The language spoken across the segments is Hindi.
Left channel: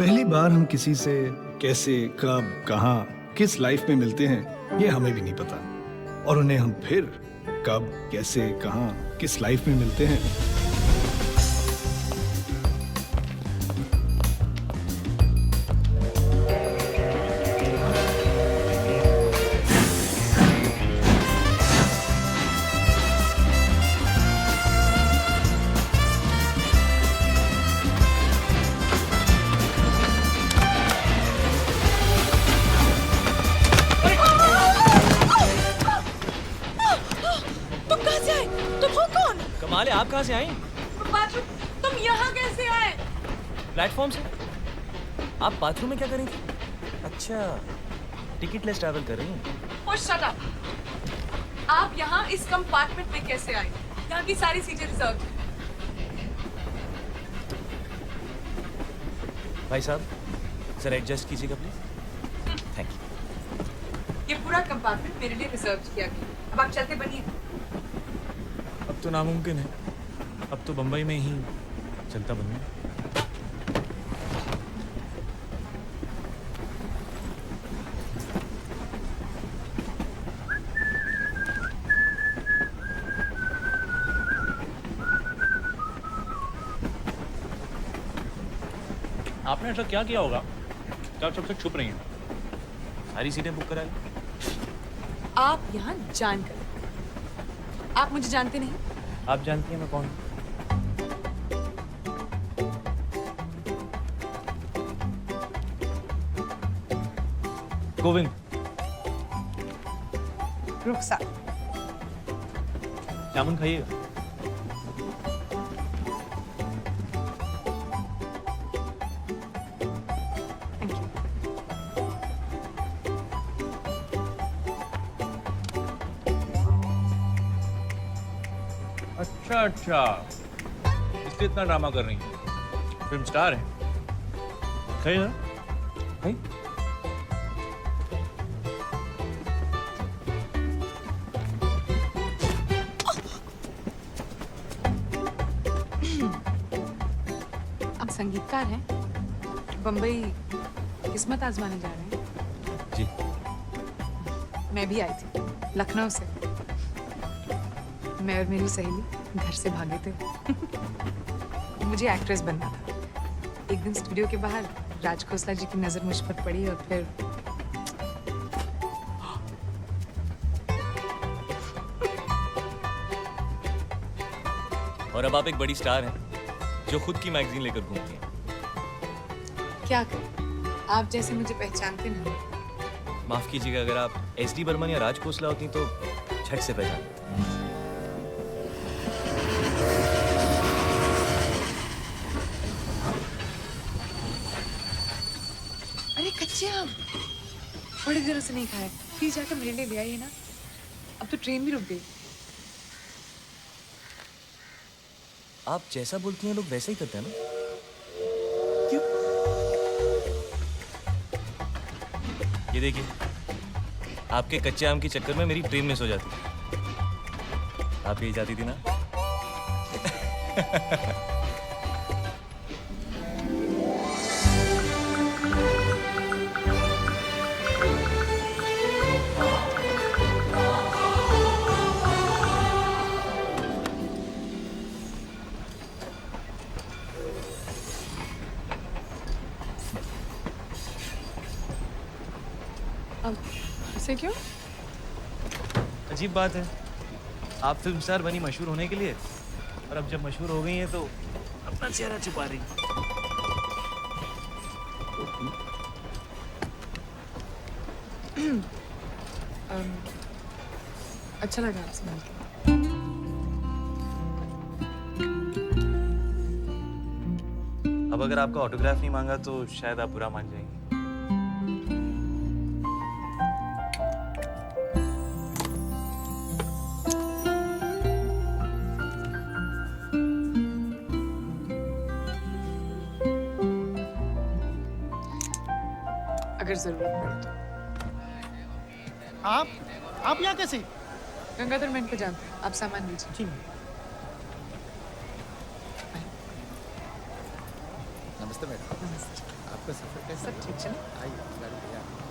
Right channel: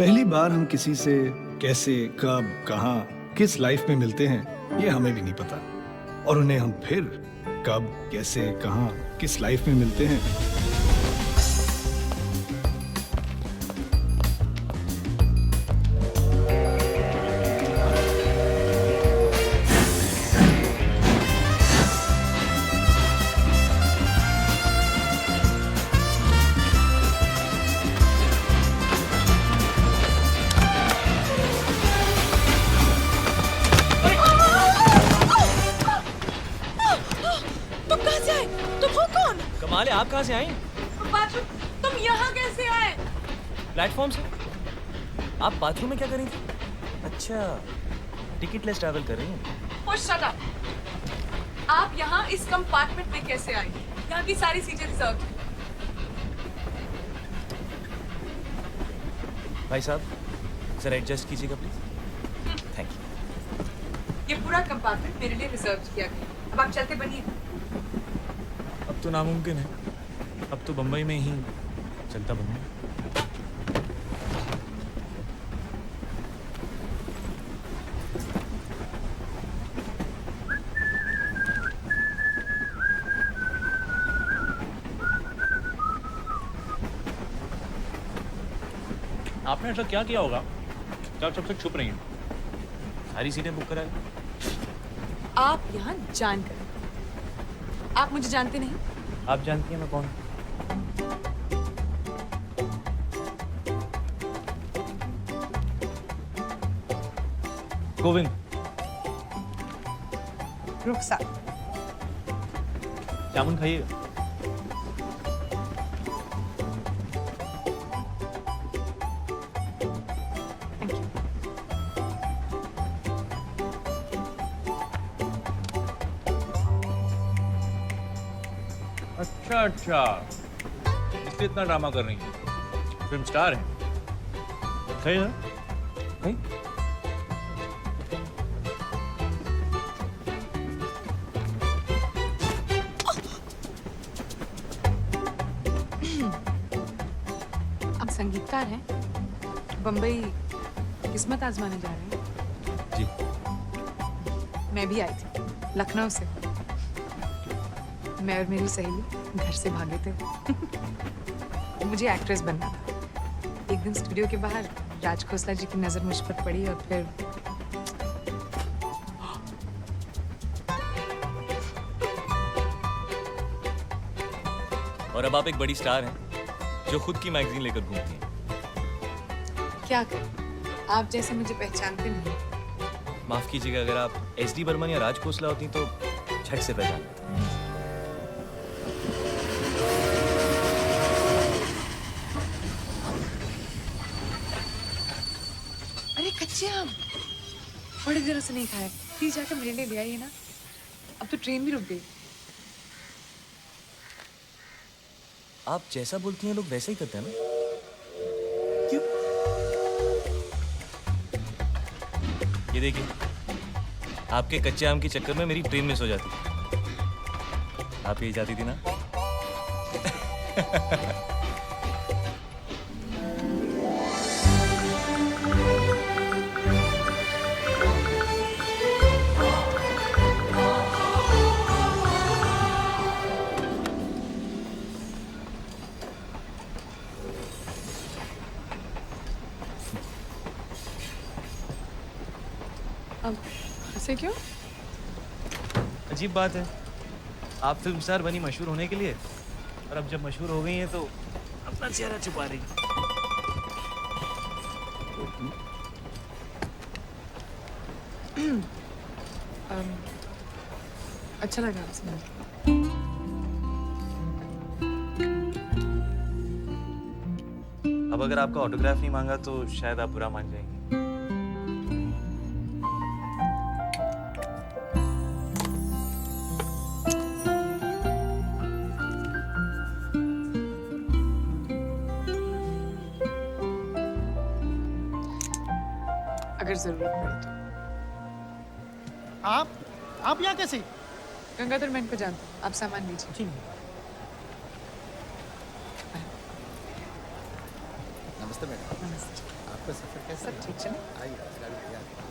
पहली बार हम किसी से कैसे, कब, कहाँ, किस लाइफ में मिलते हैं ये हमें भी नहीं पता, और उन्हें हम फिर कब, कैसे, कहाँ, किस लाइफ में मिलते हैं। कमाल है, आप कहाँ से आई? बाथरूम। तुम यहाँ कैसे आए? प्लेटफॉर्म से। आप बाथरूम में क्या कर रही थी? अच्छा, टिकट लेस ट्रैवल कर रही हैं। Oh, shut up! आप यहाँ इस कंपार्टमेंट में कैसे आए? यहाँ की सारी सीटें रिजर्व हैं। भाई साहब, जरा एडजस्ट कीजिएगा प्लीज। Thank you. ये पूरा कंपार्टमेंट मेरे लिए रिजर्व किया गया। अब आप चलते बनिए। अब तो नामुमकिन है, अब तो बम्बई में ही चलता बनूंगा। आपने ऐसा क्या किया होगा कि आप सबसे छुप रही हैं? सारी सीटें बुक करा ली। आप यहाँ जानकर, आप मुझे जानते नहीं? आप जानती हैं मैं कौन हूँ? गोविंद। रुखसार। जामुन खाइएगा। Thank you. अच्छा अच्छा, इसलिए इतना ड्रामा कर रही हैं। फिल्म स्टार हैं। खाइए ना। खाइए। आप संगीतकार हैं? बम्बई किस्मत आजमाने जा रहे हैं? जी। मैं भी आई थी, लखनऊ से। मैं और मेरी सहेली घर से भागे थे। मुझे एक्ट्रेस बनना था। एक दिन स्टूडियो के बाहर राज खोसला जी की नजर मुझ पर पड़ी और फिर और अब आप एक बड़ी स्टार हैं जो खुद की मैगजीन लेकर घूमती हैं। क्या करें, आप जैसे मुझे पहचानते नहीं। माफ कीजिएगा, अगर आप एसडी बर्मन या राज खोसला होती तो झट से पहचान लेते। अरे कच्चे आम बड़े दिनों से नहीं खाए, प्लीज जाकर मेरे लिए ले आइए ना। अब तो ट्रेन भी रुक गई। आप जैसा बोलती हैं लोग वैसे ही करते हैं ना? क्यों? ये देखिए, आपके कच्चे आम के चक्कर में मेरी ट्रेन मिस हो जाती। आप यही चाहती थी ना? अब ऐसे क्यों? अजीब बात है, आप फिल्म स्टार बनी मशहूर होने के लिए, और अब जब मशहूर हो गई हैं तो अपना चेहरा छुपा रही हैं। अच्छा लगा आपसे मिलकर। अब अगर आपका ऑटोग्राफ नहीं मांगा तो शायद आप बुरा मान जाएंगे। अगर जरूरत पड़े तो। आप यहाँ कैसे? गंगाधर मैं इनको जानता हूँ, आप सामान लीजिए। ठीक है। नमस्ते। नमस्ते मैडम। नमस्ते। आपका सफर कैसा सब ठीक चले? आइए, गाड़ी तैयार है।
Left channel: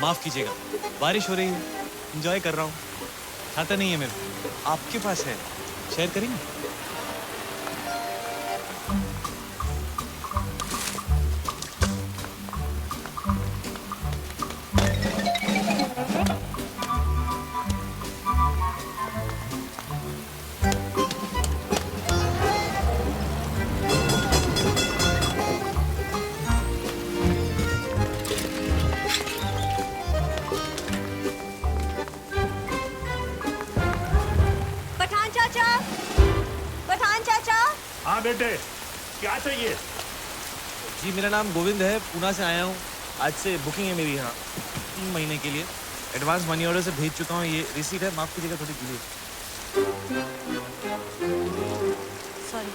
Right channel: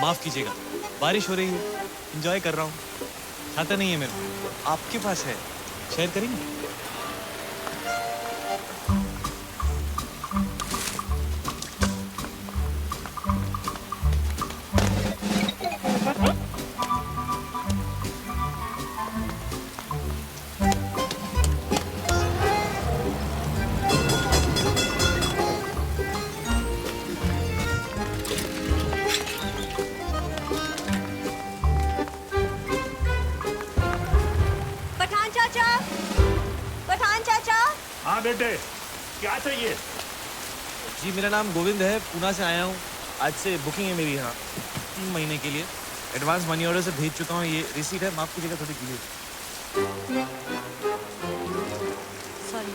माफ कीजिएगा, बारिश हो रही है, एंजॉय कर रहा हूँ। छाता नहीं है मेरे को, आपके पास है, शेयर करेंगे? पठान चाचा, पठान चाचा। हाँ बेटे, क्या चाहिए? जी मेरा नाम गोविंद है, पूना से आया हूँ। आज से बुकिंग है मेरी यहाँ 3 महीने के लिए। एडवांस मनी ऑर्डर से भेज चुका हूँ, ये रिसीट है, माफ कीजिएगा थोड़ी डिले। सॉरी।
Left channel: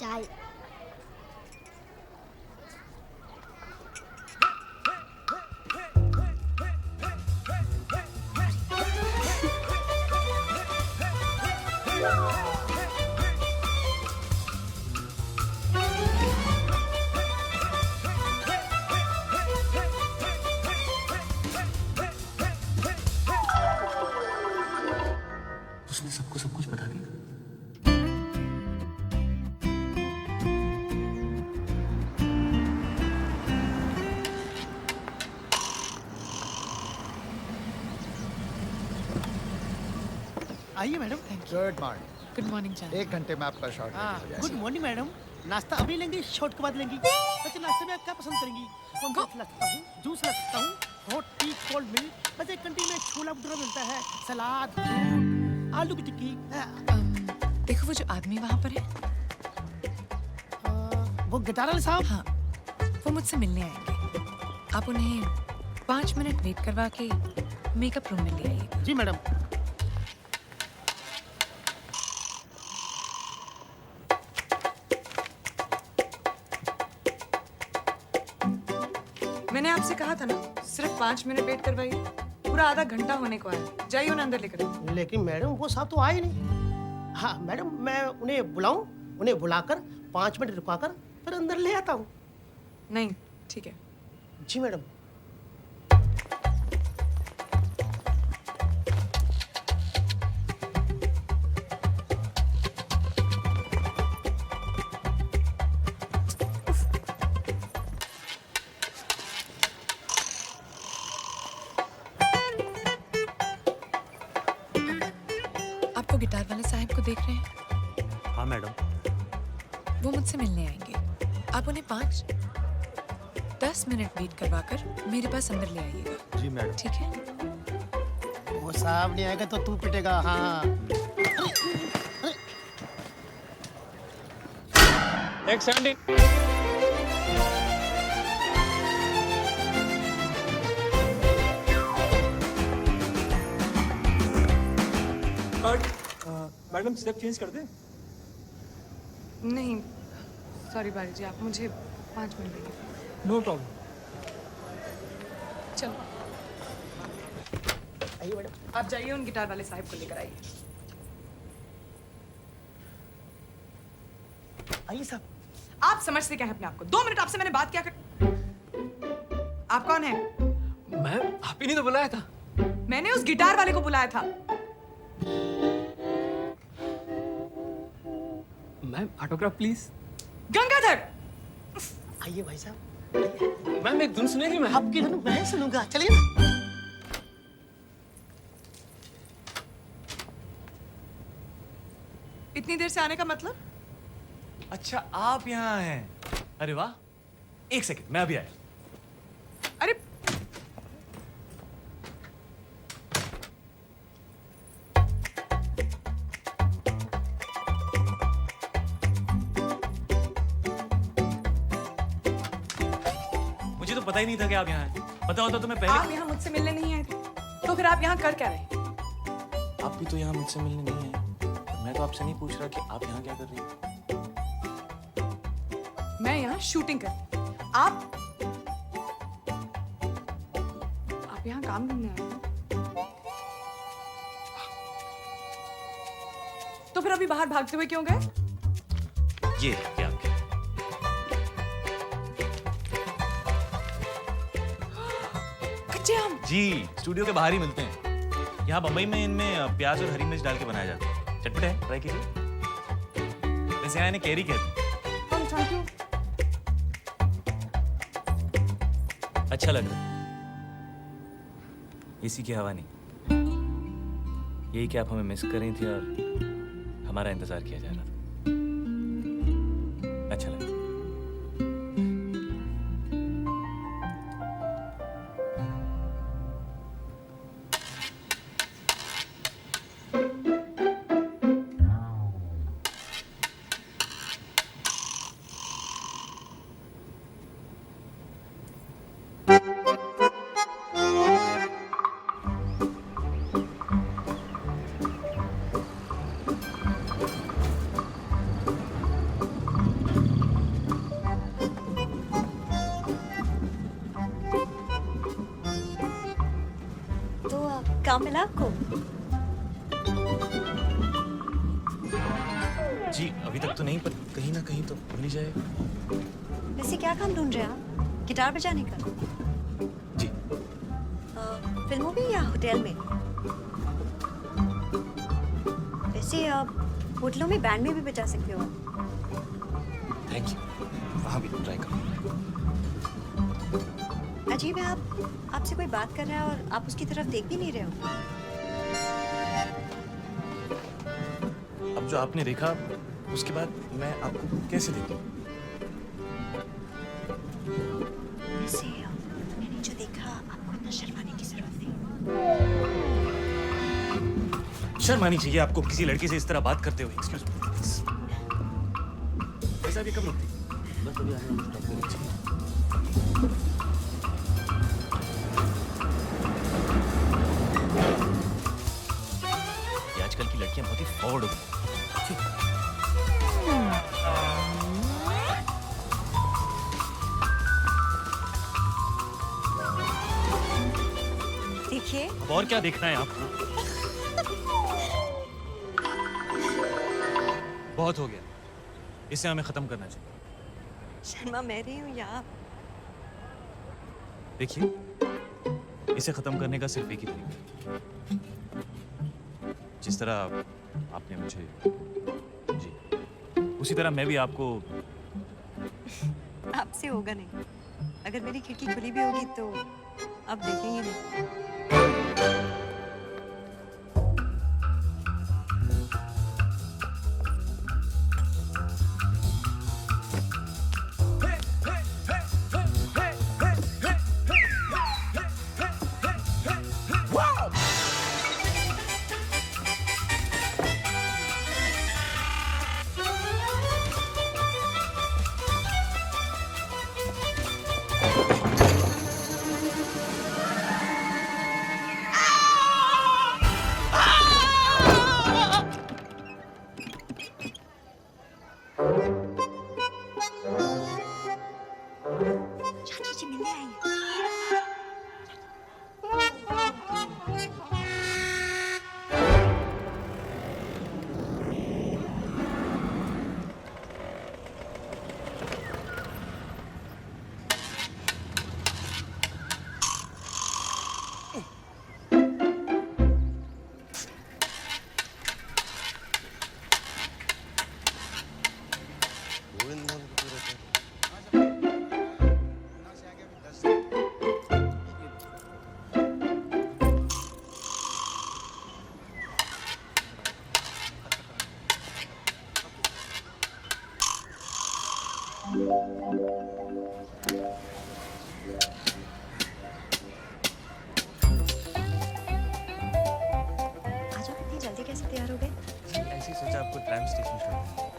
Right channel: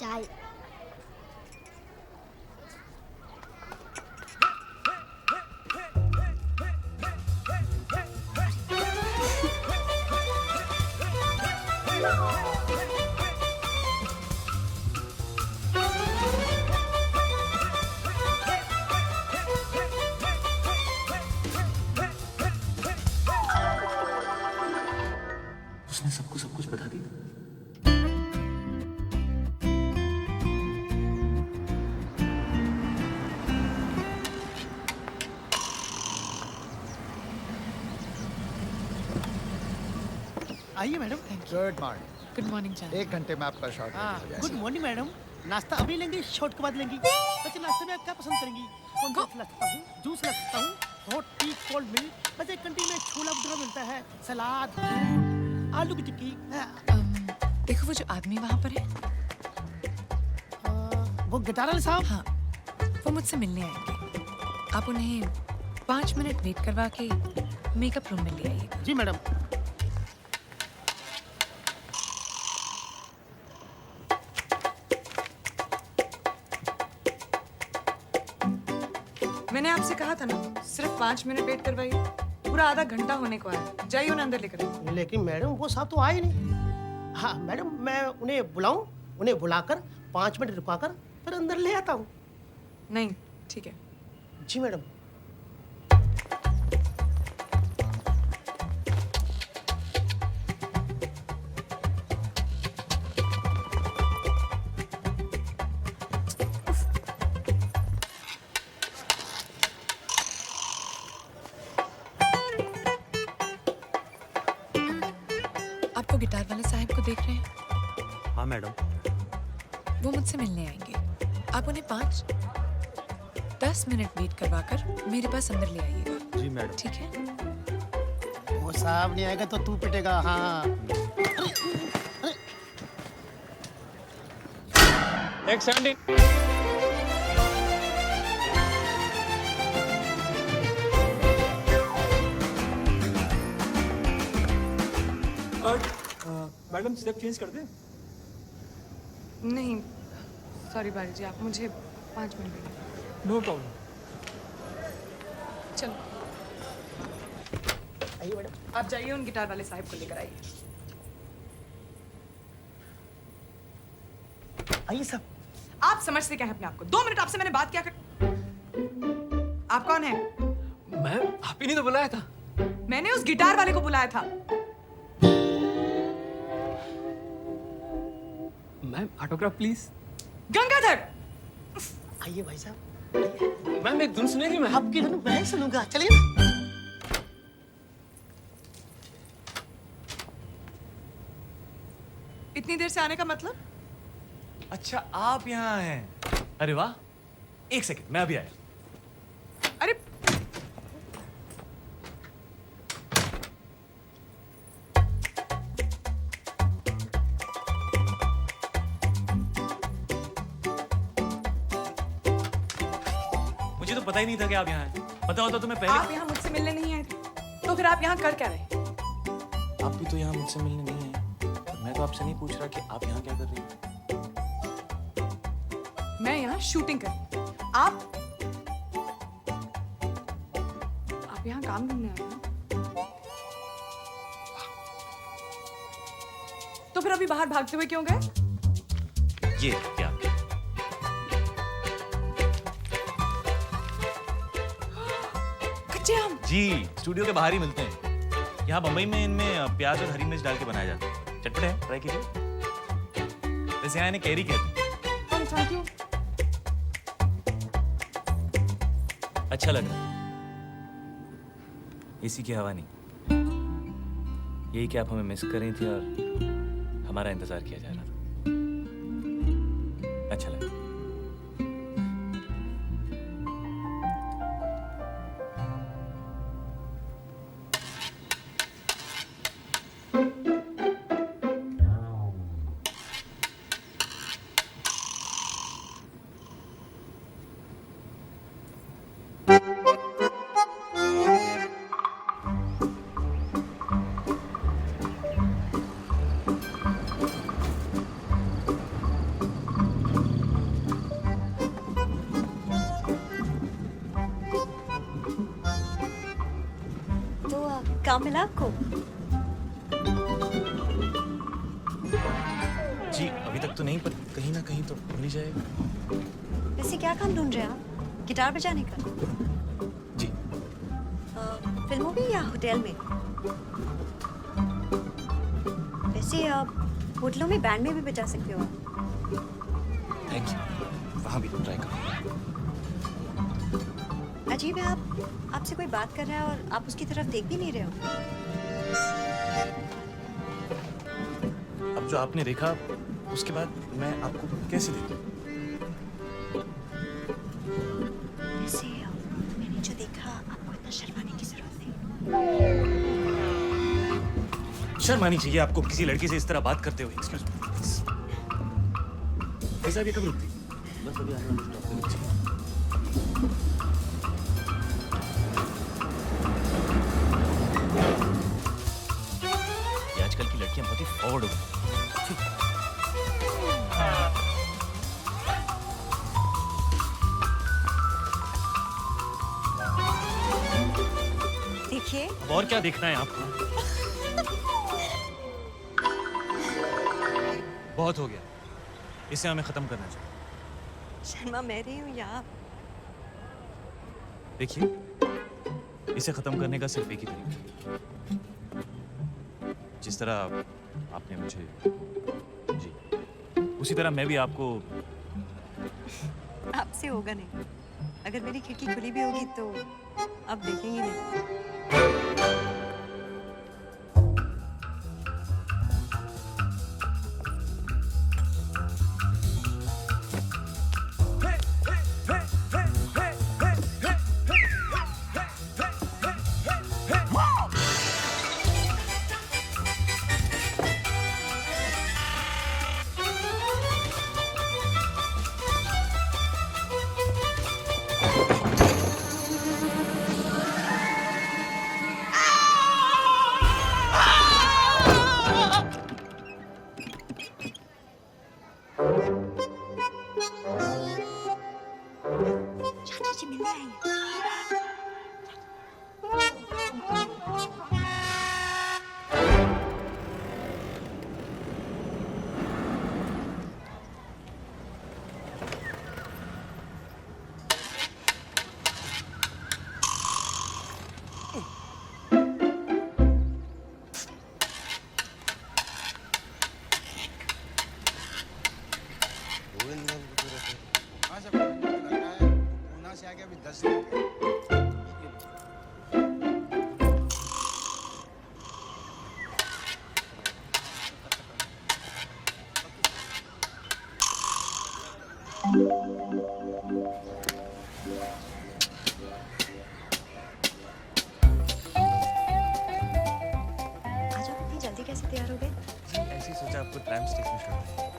चाय। उसने सबको सब कुछ बता दिया। आइए madam. Good morning. Good morning चाचा। 1 घंटे में आपका शॉर्ट हाँ, हो जाएगा। Good morning madam. नाश्ता अभी लेंगी, शॉर्ट के बाद लेंगी? अच्छा, नाश्ते में आप क्या पसंद करेंगी? कौन सा ला सकता हूँ? जूस ला सकता हूँ, हॉट टी, कोल्ड मिल्क। बस एक कैंटीन में छोला भटूरा मिलता है, सलाद, फ्रूट, आलू की टिक्की। देखो वो जो आदमी वहाँ पर है, वो गिटार वाले साहब। हाँ, वो मुझसे मिलने आएंगे। आप उन्हें 5 मिनट वेट करवा के मेकअप रूम में ले आइएगा। जी मैडम। मैंने आपसे कहा था ना, सिर्फ 5 मिनट वेट करवाइए। पूरा आधा घंटा होने को आया। जाइए उन्हें अंदर लेकर आइए। लेकिन मैडम वो साहब तो आए नहीं। हाँ मैडम, मैं उन्हें बुलाऊं? उन्हें बुलाकर 5 मिनट रुकाकर फिर अंदर ले आता हूँ। नहीं, ठीक है। जी मैडम। आपको गिटार वाले साहब को देख रहे हैं? हाँ मैडम। वो मुझसे मिलने आएंगे। आप उन्हें 5-10 मिनट वेट करवाकर मेरे पास अंदर ले आइएगा। जी मैडम। ठीक है? वो साहब नहीं आएगा तो तू पिटेगा। हाँ। एक 70। मैडम स्टेप चेंज कर दे। नहीं, सॉरी बारी जी, आप मुझे 5 मिनट देंगे। No problem. चलो आइए मैडम, आप जाइए उन गिटार वाले साहब को लेकर आइए। आइए साहब। आप समझते क्या है अपने आप को? 2 मिनट आपसे मैंने बात क्या कर। आप कौन है? मैम आप ही ने तो बुलाया था। मैंने उस गिटार वाले को बुलाया था। Ma'am autograph please. गंगाधर! आइए भाई साहब। मैम एक धुन सुनेगी? मैं आपकी धुन मैं सुनूंगा, चलिए ना। इतनी देर से आने का मतलब? अच्छा आप यहाँ हैं। अरे वाह, एक सेकंड मैं अभी आया। अरे मुझे तो पता ही नहीं था कि आप यहाँ हैं। पता होता तो मैं पहले। आप यहाँ मुझसे मिलने नहीं आए थे, तो फिर आप यहाँ कर क्या रहे? आप भी तो यहाँ मुझसे मिलने नहीं आए। मैं तो आपसे नहीं पूछ रहा कि आप यहाँ क्या कर रही हैं। मैं यहाँ शूटिंग कर। आप यहाँ काम ढूंढने आए हैं? तो फिर अभी बाहर भागते हुए क्यों गए? ये क्या आपके? कच्चे आम। जी, स्टूडियो के बाहर ही मिलते हैं। यहाँ बम्बई में इनमें प्याज और हरी मिर्च डाल के बनाया जाता है। चटपटे हैं, ट्राई कीजिए। वैसे यहाँ इन्हें कैरी कहते हैं। Thank you. अच्छा लग रहा है। एसी की हवा नहीं। यही कि आप हमें मिस कर रही थी और हमारा इंतजार किया जा रहा था। अच्छा लगा। काम मिला आपको? जी अभी तक तो नहीं, पर कहीं ना कहीं तो मिल ही जाएगा। वैसे क्या काम ढूंढ रहे हैं आप? गिटार बजाने का? जी। फिल्मों में या होटल में? वैसे होटलों में बैंड में भी बजा सकते हो आप। Thank you. वहाँ भी ट्राई करो। अजीब है, आपसे कोई बात कर रहा है और आप उसकी तरफ देख भी नहीं रहे हो। अब जो आपने देखा उसके बाद मैं आपको कैसे देखूं? वैसे मैंने जो देखा, आपको इतना शर्माने की जरूरत नहीं। शर्म आनी चाहिए आपको किसी लड़की से इस तरह बात करते हुए। Excuse me. कैसा भी कब रुकती? बस अभी आने वाले स्टॉप पे रुक जाइए। आजकल की लड़कियां बहुत ही फॉरवर्ड हो गई। देखिए। अब और क्या देखना है आपको? बहुत हो गया, इसे हमें खत्म करना चाहिए। शर्मा मैं रही हूँ या आप? देखिए, इसे खत्म करने का सिर्फ एक ही तरीका है। जिस तरह आपने मुझे, जी, उसी तरह मैं भी आपको। आपसे होगा नहीं। अगर मेरी खिड़की खुली भी होगी तो आप देखेंगे नहीं। जल्दी कैसे तैयार हो गए? जी ऐसे ही सोचा आपको ट्रैम स्टेशन छोड़ दें।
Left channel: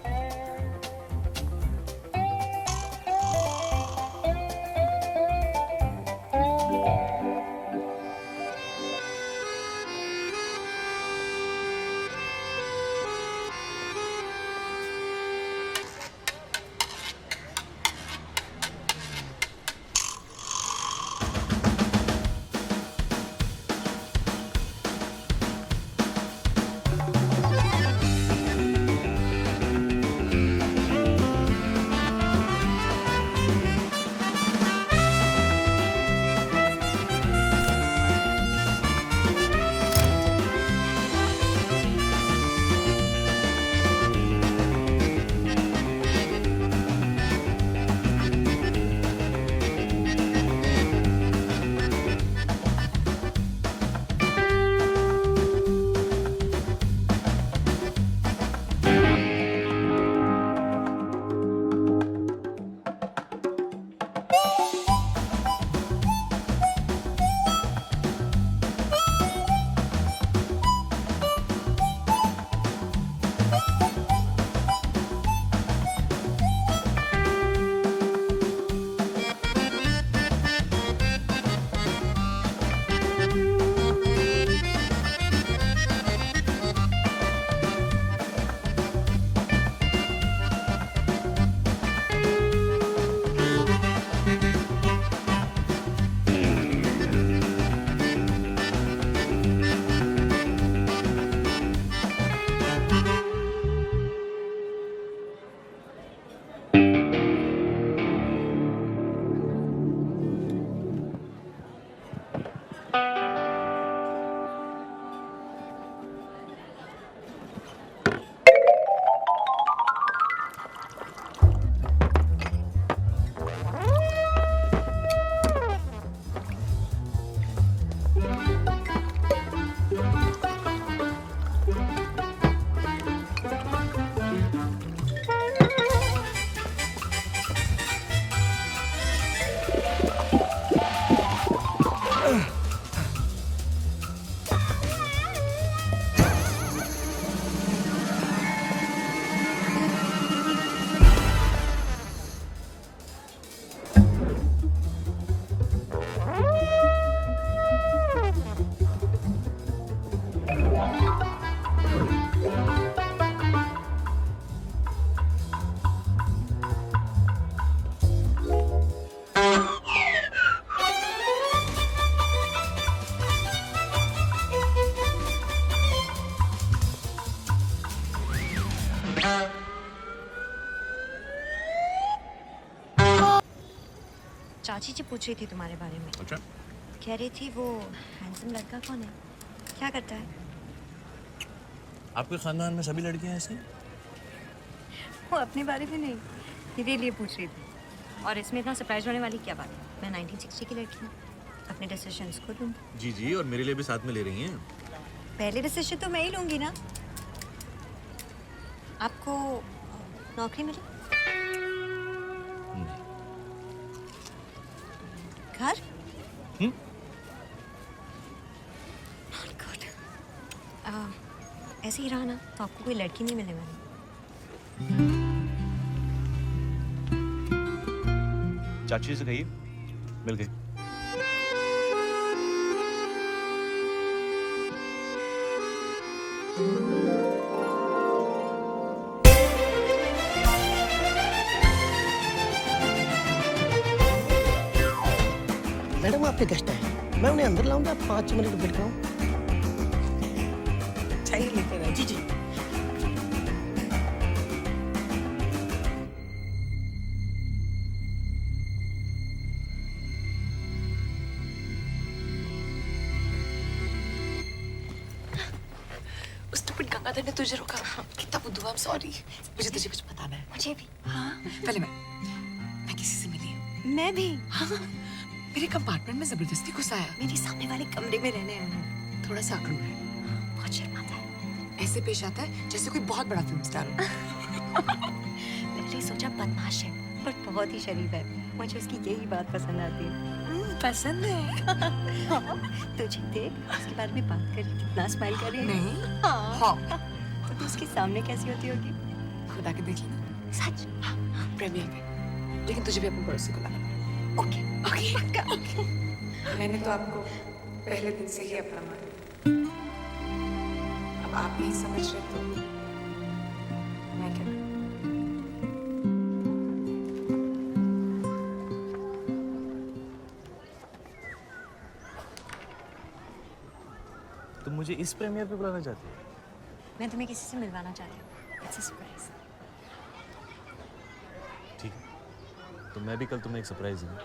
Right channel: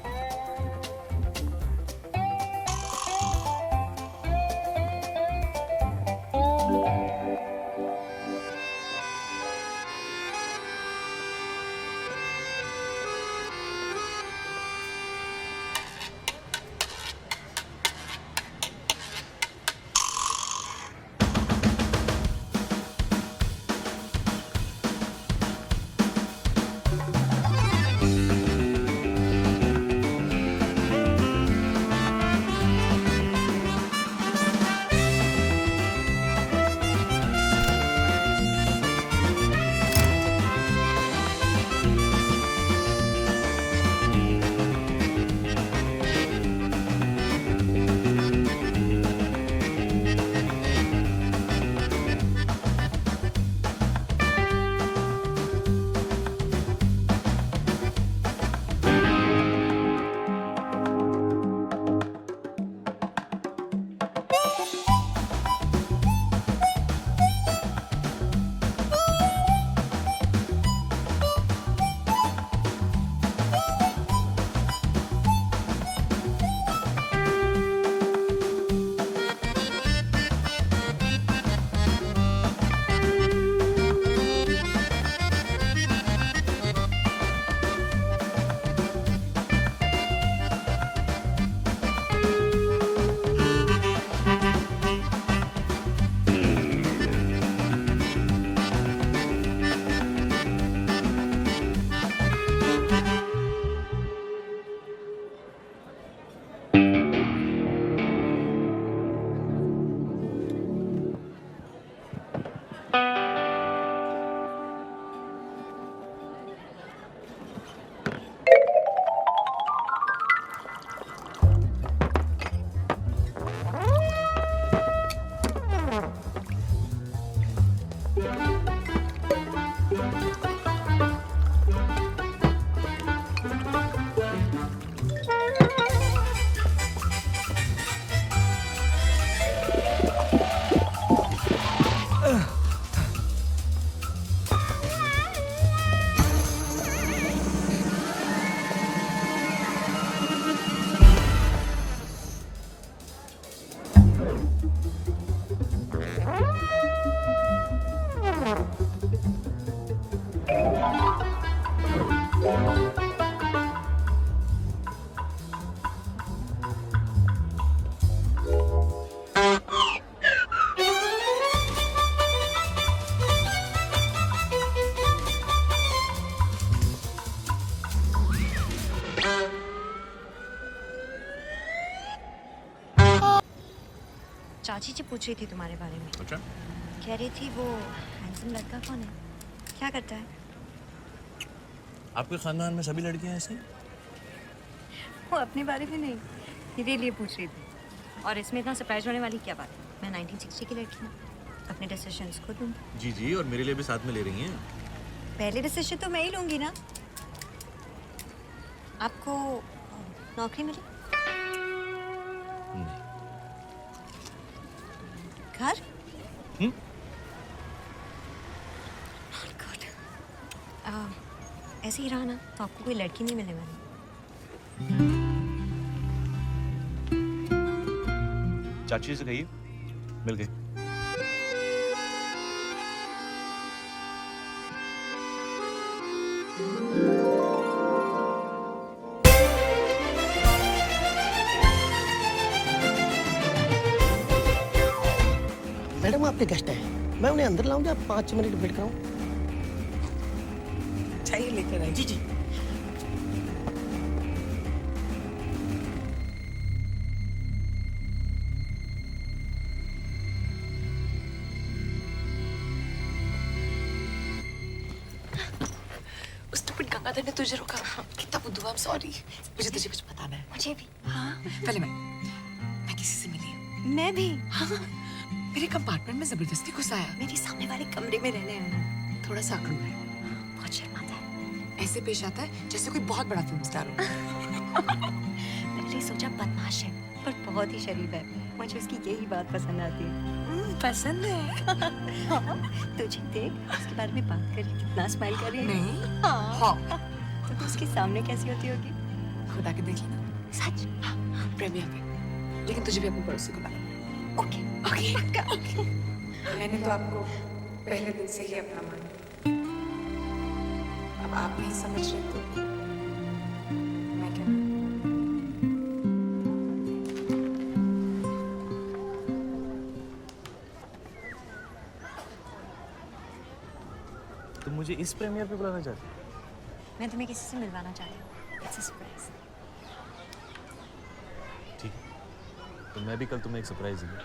चाची जी पूछ रही थी तुम्हारे बारे में। अच्छा, कह रही थी वो हैंडसम लड़का कौन है, क्या करता है? आपके खानदान में सभी लड़कियां ऐसी? वो अपने बारे में नहीं, मेरे लिए पूछ रही थी। और इसमें इतना सरप्राइज होने वाली क्या बात है? मैं 1960 की लड़की हूँ, अपने डिसीजंस खुद लूँगी। जी जी, और मेरे लिए भी साथ में ले रही हैं? पहले डिसीजन तो मैं ही लूँगी ना। आपको नौकरी मिली? नहीं। घर? हम्म? Not good. ऐसे ही रहा ना तो आपको कोई लड़की नहीं मिलने वाली। चाची से कहिए मिल गई। मैडम आपके गेस्ट हैं, मैं उन्हें अंदर लाऊंगा, 5 मिनट वेट कराऊं? चाहिए लेकर आए। जी जी। उस स्टूपिड गंगाधर ने तुझे रोका। कितना बुद्धू, आई एम सॉरी। मुझे तुझे कुछ बताना है। मुझे भी। हाँ, पहले मैं किसी से मिली हूँ। मैं भी। हाँ, मेरे कंपार्टमेंट में जबरदस्ती घुस आया। मेरे सामने वाले कमरे में रहने आया है। थोड़ा सा आक्रामक है, बहुत शर्माता है। ऐसे पेश आता है जैसे कोई बहुत बड़ा फिल्म स्टार हो। पहले पहले सोचा बदमाश है पर बहुत ही शरीफ है। मुझे उसकी यही बात पसंद आती है। पसंद है। तुझे देख उसके बारे में बात कर रही कितना स्माइल कर रही है। नहीं। हाँ। तो तू उसके सामने कैसी होती होगी? खुदा के देख लेना। सच? प्रेमियर पे। लेकिन तुझे भी अपने पड़ोसी को लाना पड़ेगा। Okay okay. पक्का। मैंने तो आपको पहले दिन से ही अपना मान लिया। अब आप नहीं समझ रहे तो मैं क्या करूं? तुम मुझे इस प्रीमियर पे बुलाना चाहती हो? मैं तुम्हें किसी से मिलवाना चाहती हूँ। It's a surprise. ठीक है, तो मैं भी कल तुम्हें एक सरप्राइज दूंगा।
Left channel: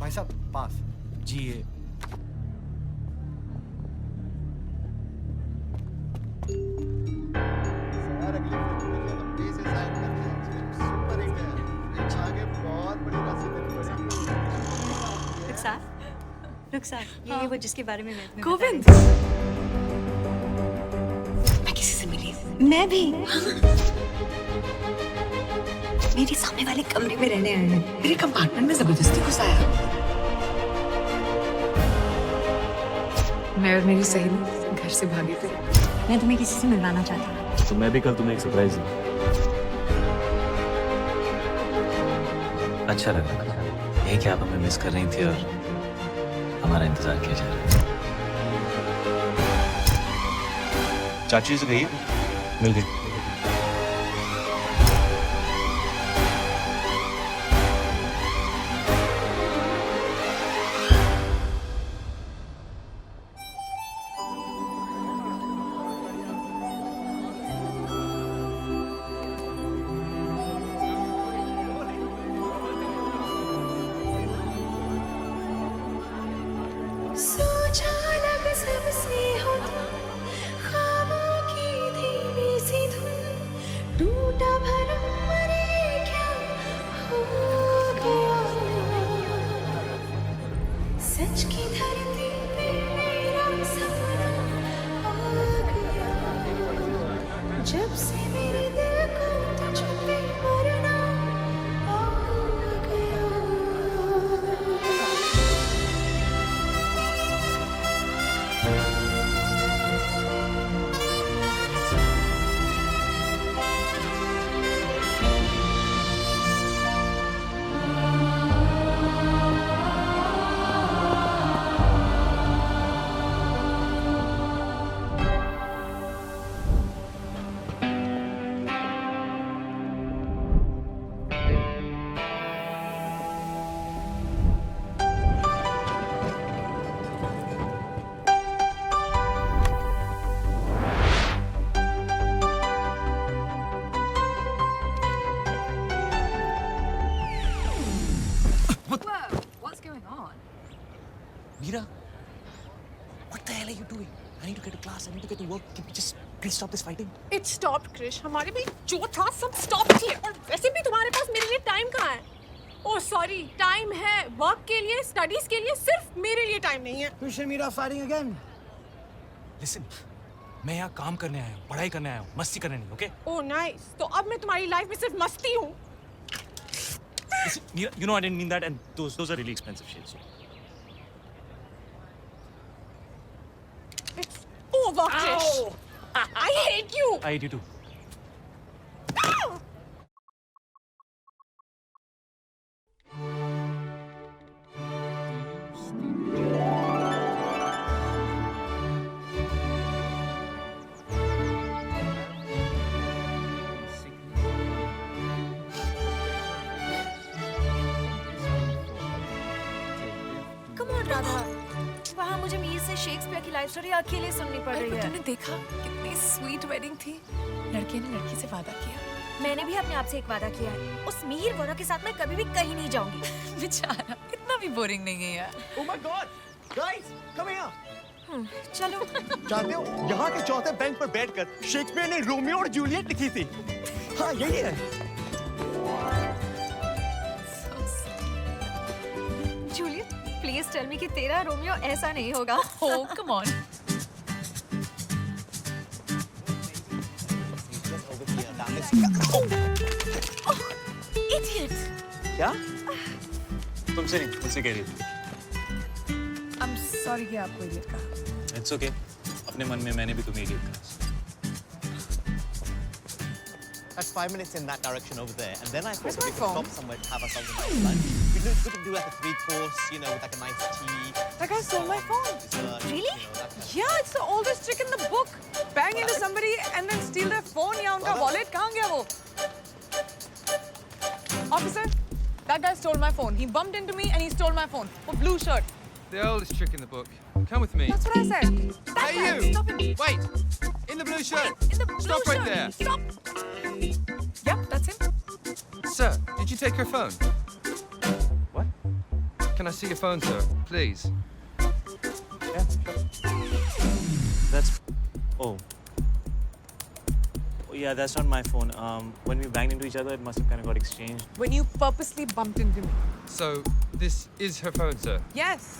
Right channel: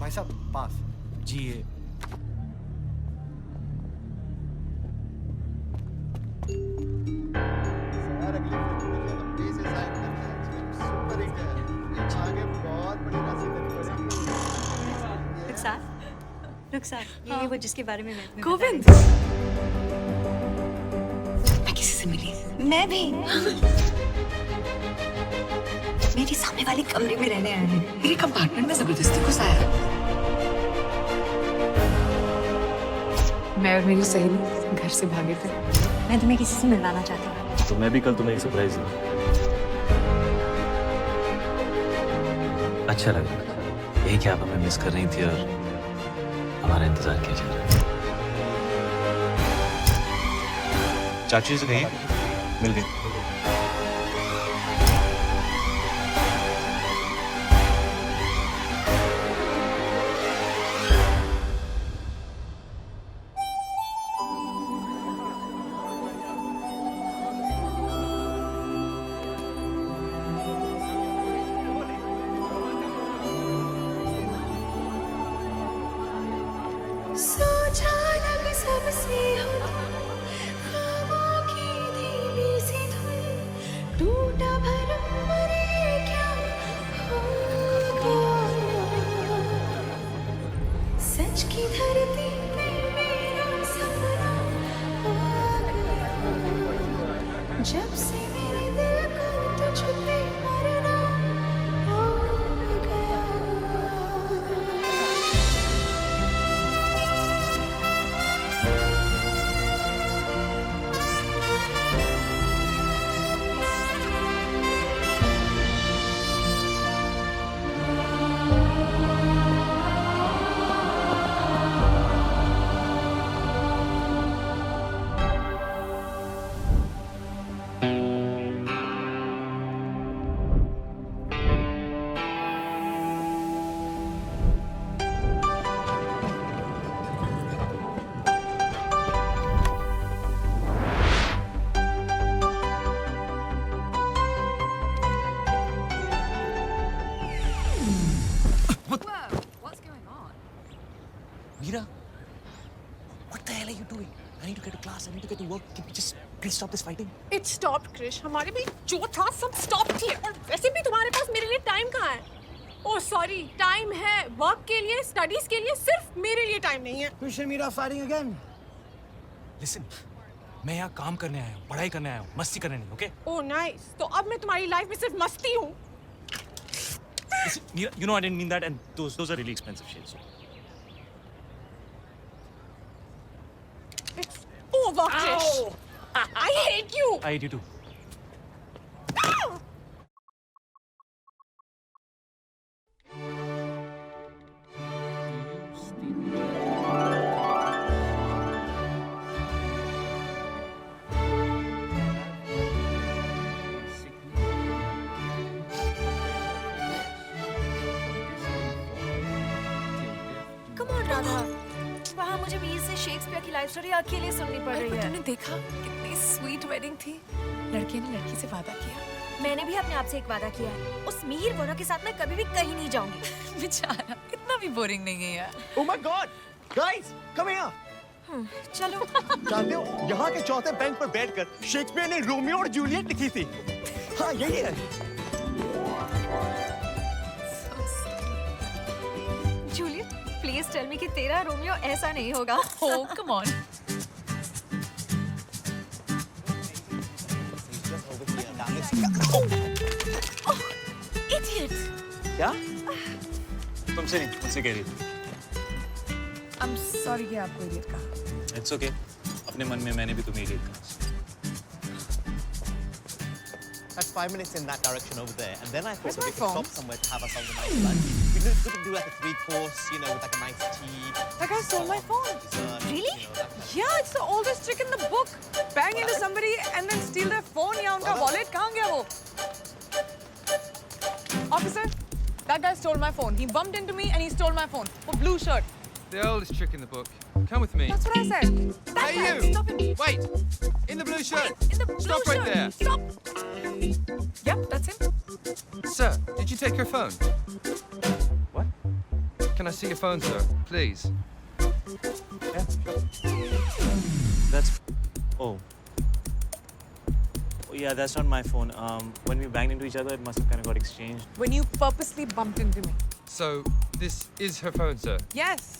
भाई साहब पास। जी ये सर अगली फिल्म में लंबी से साइन करते हैं। फिल्म सुपर हिट है। आगे बहुत बड़ी राशि देनी पड़ेगी। रुखसार ये वो जिसके बारे में मैं तुम्हें गोविंद। बता रही मैं किसी से मिली। थी। मैं भी। मेरे सामने वाले कमरे में रहने आए हैं। मेरे कंपार्टमेंट में जबरदस्ती घुस आया। मैं और मेरी सहेली घर से भागे थे। मैं तुम्हें किसी से मिलवाना चाहती हूँ। तो मैं भी कल तुम्हें एक सरप्राइज दूंगा। अच्छा लग रहा था यही कि आप हमें मिस कर रही थी और हमारा इंतजार किया जा रहा है। चाची से कहिए मिल गई। जब से मेरे दिल को तुझ पे मरना हो Meera, what the hell are you doing? I need to get to class. I need to get to work. Can we just please stop this fighting? It stopped, Krish. हमारे भी जो था सब stop किए और वैसे भी तुम्हारे पास मेरे लिए टाइम कहाँ है? Oh sorry, टाइम है वर्क के लिए, स्टडीज के लिए, सिर्फ मेरे लिए टाइम नहीं है. Krish and Meera fighting again. Listen, मैं यहाँ काम करने आया हूँ, पढ़ाई करने आया हूँ, मस्ती करने नहीं, okay? Oh nice. तो अब मैं तुम्हारी लाइफ में सिर्फ मस्ती हूँ. Listen, Meera, you know I didn't mean that, and those are really expensive shades. It's over, Krish. I hate you. I hate you too. Radha, वहाँ मुझे मीर से शेक्सपियर की लाइफ स्टोरी अकेले सुननी पड़ रही है। तूने देखा कितनी स्वीट वेडिंग थी। लड़के ने लड़की से वादा किया। मैंने भी अपने आप से एक वादा किया है, उस मीर वोरा के साथ मैं कभी भी कहीं नहीं जाऊंगी। बेचारा इतना भी बोरिंग नहीं है यार। Oh my God, guys, come here. चलो। जानते हो यहाँ के चौथे बेंच पर बैठकर शेक्सपियर ने रोमियो और जूलियट लिखी थी। हाँ यही है। जूलियट, प्लीज टेल मी कि तेरा रोमियो ऐसा नहीं होगा। Oh, come on. Idiot. क्या? तुमसे नहीं, मुझसे कह रही थी। I'm sorry कि आपको इडियट कहा। It's okay. अपने मन में मैंने भी तुम्हें idiot कहा। That's 5 minutes in that direction over there, and then I thought Where's that my we could phone? stop somewhere to have ourselves a nice lunch. We could do like a 3-course, you know, with like a nice tea. That guy stole my phone. Dessert, Really? You know, that kind of Yeah, it's the oldest trick in the book. Bang into somebody and then steal their phone या उनका wallet कहाँ गया वो? Officer, that guy stole my phone. He bumped into me and he stole my phone. For blue shirt. The oldest trick in the book. Come with me. That's what I said. That Hey, guy, you! stop him. Wait! In the blue shirt! In the blue Stop right shirt. there. Stop. Yep, that's him. Sir, did you take your phone? What? Can I see your phone, sir? Please. Yeah, sure. That's. Oh. Oh yeah, that's not my phone. When we banged into each other, it must have kind of got exchanged. When you purposely bumped into me. So, this is her phone, sir? Yes.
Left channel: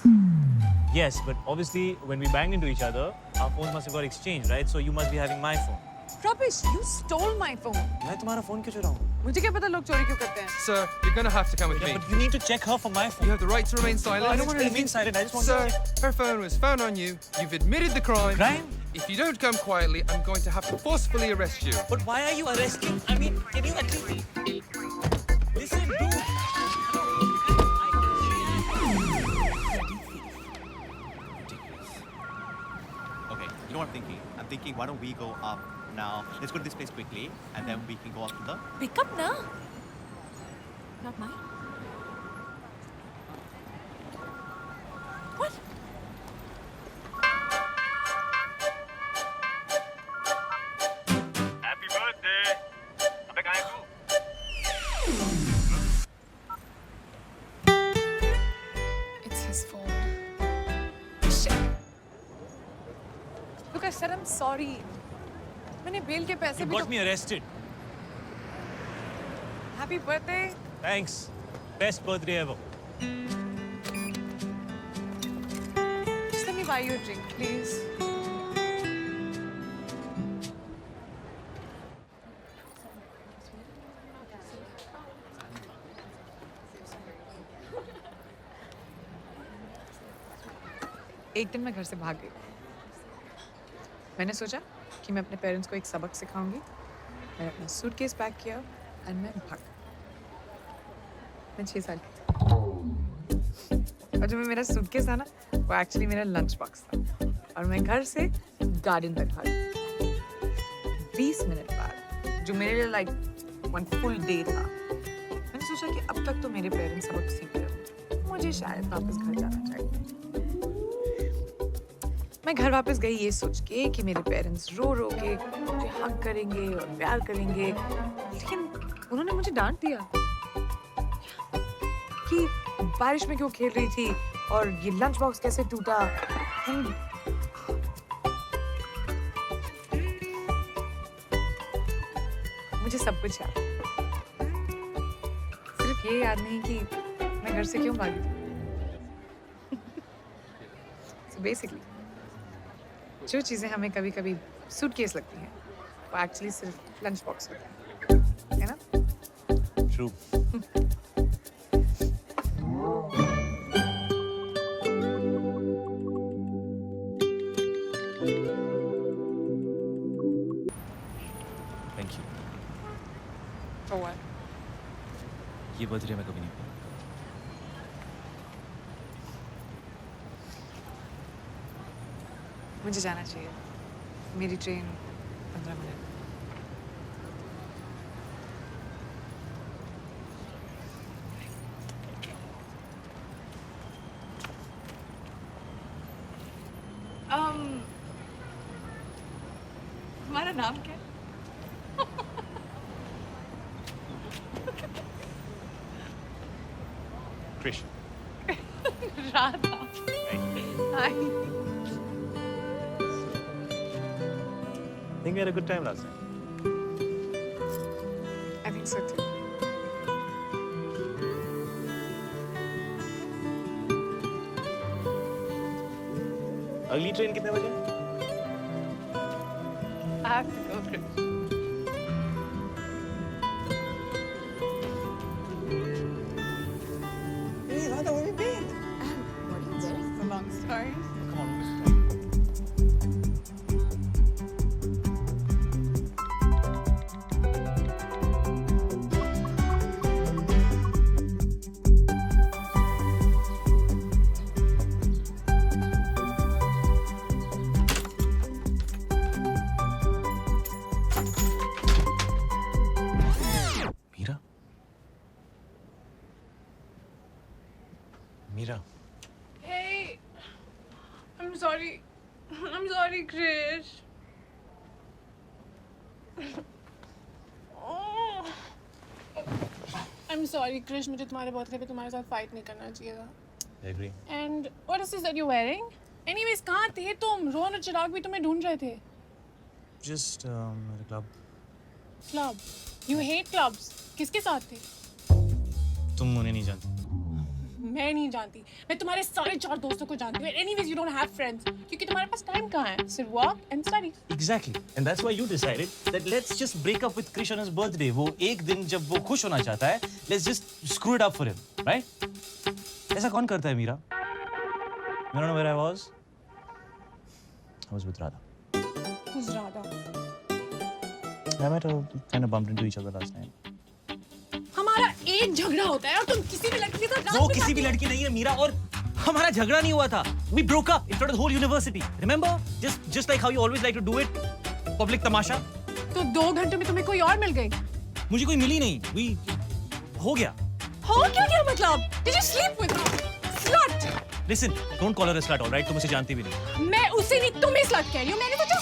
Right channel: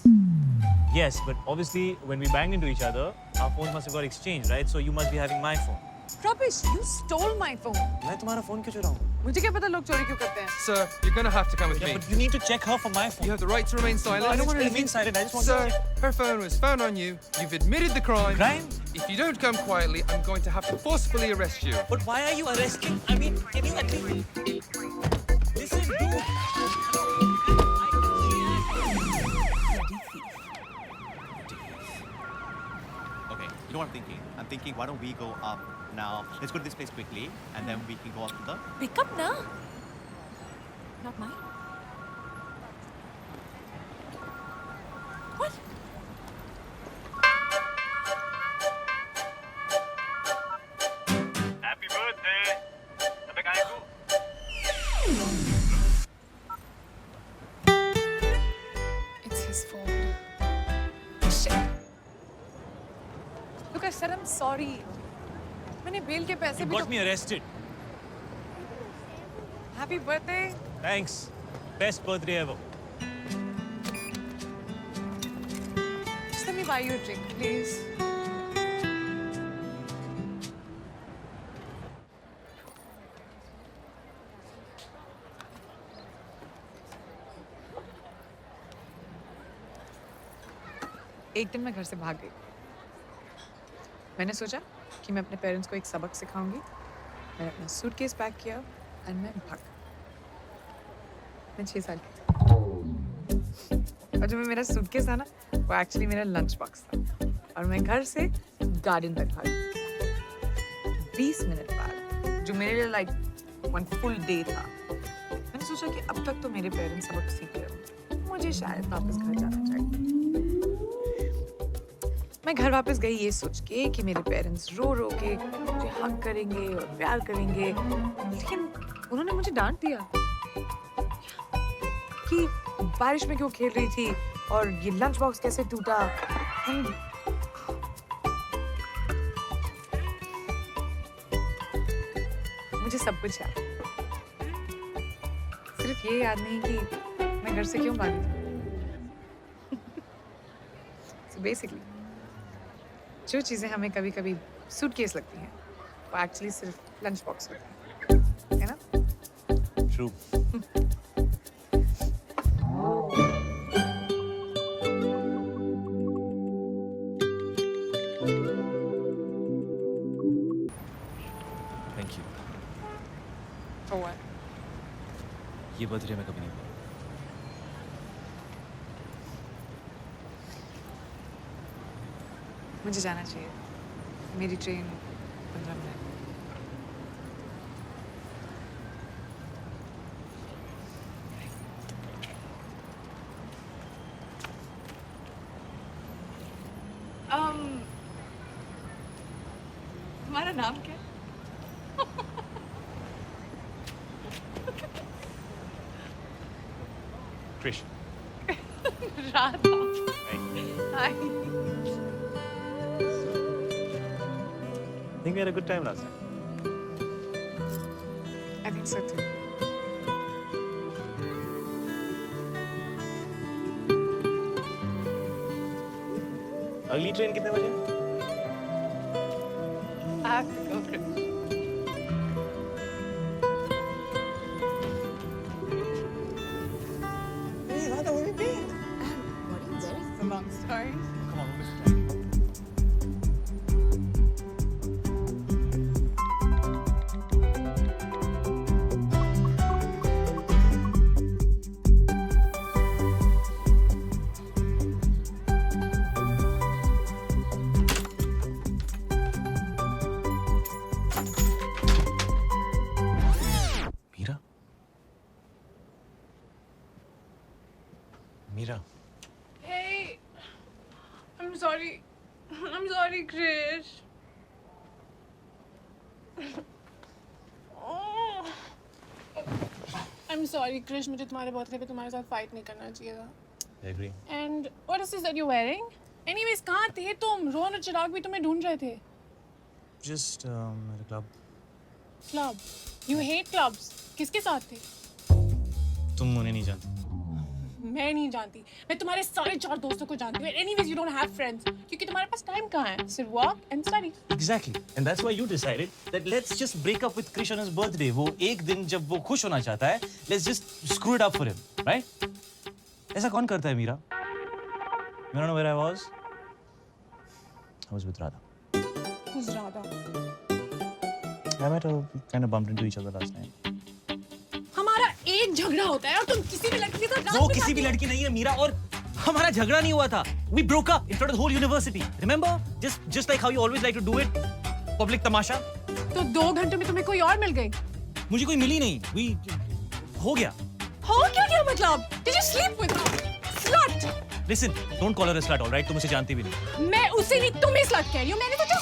Yes, but obviously when we banged into each other, our phones must have got exchanged, right? So you must be having my phone. Rubbish, you stole my phone. मैं तुम्हारा phone क्यों चुराऊँ? मुझे क्या पता लोग चोरी क्यों करते हैं? Sir, you're gonna have to come with Yeah, me. but you need to check her for my phone. You have the right to remain silent. I don't want to remain silent. I just want Sir, to check. her phone was found on you. You've admitted the crime. Crime? If you don't come quietly, I'm going to have to forcefully arrest you. But why are you arresting? I mean, can you at least listen, dude? Okay, you know what I'm thinking? I'm thinking, why don't we go up now? Let's go to this place quickly, and then we can go up to the. Pick up na. Not mine. What? Happy birthday. अबे कहाँ है तू? It's his phone. Shit. Look, I said I'm sorry. मैंने बेल के पैसे You भी got me arrested. Happy birthday. Thanks. Best birthday ever. Just let me buy you a drink, please. एक दिन मैं घर से भाग गई। मैंने सोचा कि मैं अपने पेरेंट्स को एक सबक सिखाऊंगी। मैंने अपना सूटकेस पैक किया और मैं भाग। मैं 6 साल की थी। और जो मेरा सूटकेस था ना, वो एक्चुअली मेरा लंच बॉक्स था। और मैं घर से गार्डन तक भागी। 20 मिनट बाद, जो मेरे लिए लाइक 1 फुल डे था, मैंने सोचा कि अब तक तो मेरे पेरेंट्स सबक सीख गए होंगे, मुझे शायद वापस घर जाना चाहिए। मैं घर वापस गई ये सोच के कि मेरे पेरेंट्स रो रो के मुझे हग करेंगे और प्यार करेंगे, लेकिन उन्होंने मुझे डांट दिया कि बारिश में क्यों खेल रही थी और ये लंच बॉक्स कैसे टूटा। मुझे सब कुछ याद, सिर्फ ये याद नहीं कि मैं घर से क्यों भागी थी। So basically, जो चीजें हमें कभी-कभी सूटकेस लगती हैं, वो एक्चुअली सिर्फ लंच बॉक्स होता है ना? True. Thank you. For what? ये बर्थडे मैं कभी नहीं भूलूंगा। मुझे जाना चाहिए। मेरी ट्रेन 15 मिनट। तुम्हारा नाम क्या है? Krish. Radha. Hi. Think we had a good time last night. I think so too. अगली ट्रेन कितने बजे? I have to go, Krish. Hey, Radha, where have you been? What are you wearing? It's a long story. Come on, we'll miss time. Mira? Mira? Hey, I'm sorry. I'm sorry, Krish. Oh. I'm sorry, Krish. मुझे तुम्हारे बर्थडे पे तुम्हारे साथ फाइट नहीं करना चाहिए था. I agree. And what is this that you're wearing? Anyways, कहाँ थे तुम? रोहन और चिराग भी तुम्हें ढूंढ रहे थे. Just at a club. Club. You hate clubs. किसके साथ थे? तुम उन्हें नहीं जानती. मैं नहीं जानती. मैं तुम्हारे सारे 4 दोस्तों को जानती हूँ. Anyways, you don't have friends. क्योंकि तुम्हारे पास टाइम कहाँ है? सिर्फ work and study. Exactly. And that's why you decided that let's just break up with Krish on his birthday. वो एक दिन जब वो खुश होना चाहता है, let's just screw it up for him, right? ऐसा कौन करता है Meera? You don't know where I was? I was with Radha. Who's Radha? I met her, kind of bumped into each other last night. हमारा एक झगड़ा होता है और तुम किसी भी लड़की के साथ वो किसी भी लड़की नहीं है मीरा और हमारा झगड़ा नहीं हुआ था. We broke up in front of the whole university. Remember? Just like how you always like to do it. Public तमाशा. तो 2 घंटे में तुम्हें कोई और मिल गई. मुझे कोई मिली नहीं. हो गया. हो क्या मतलब? Did you sleep with her? Slut. Listen, don't call her a slut, all right? तुम उसे जानती भी नहीं. मैं उसे नहीं तुम्हें slut कह रही हूँ. मैंने सोचा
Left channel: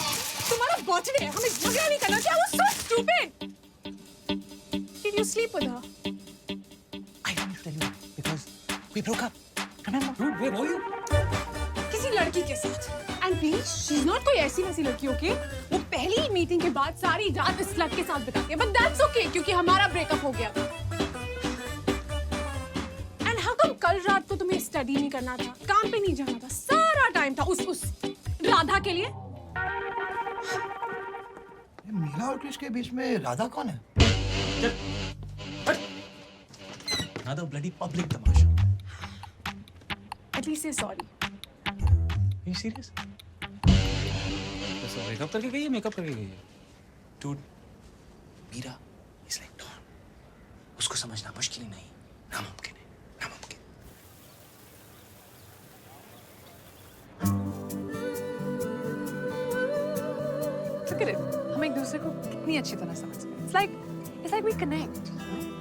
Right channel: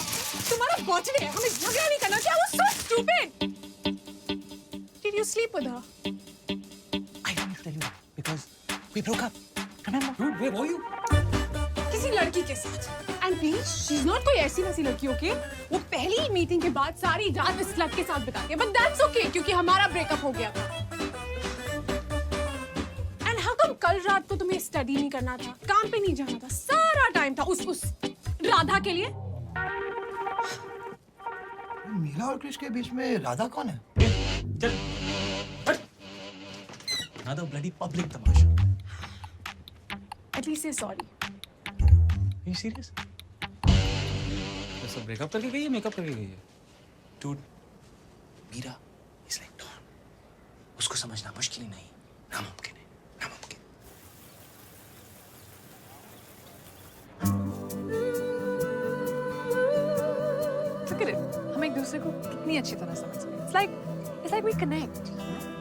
तुम्हारा बर्थडे है. हमें झगड़ा नहीं करना चाहिए. I was so stupid. Did you sleep with her? I don't need to tell you that because we broke up. Remember? Dude, where were you? किसी लड़की के साथ. And please, she's not कोई ऐसी वैसी लड़की, okay? वो पहली मीटिंग के बाद सारी रात इस लड़के के साथ बिताती है. But that's okay क्योंकि हमारा ब्रेकअप हो गया था. And how come कल रात को तुम्हें स्टडी नहीं करना था? काम पे नहीं जाना था? सारा टाइम था उस राधा के लिए. मीरा और कृष के बीच में राधा कौन है? चल. हट. Another bloody public Tamasha. At least say sorry. Are you serious? तो ब्रेकअप करके गई है, मेकअप करके गई है? Dude, Mira is like Dawn. उसको समझना मुश्किल ही नहीं. नामुमकिन है. नामुमकिन. Look at it. हम एक दूसरे को कितनी अच्छी तरह समझ गए. It's like we connect.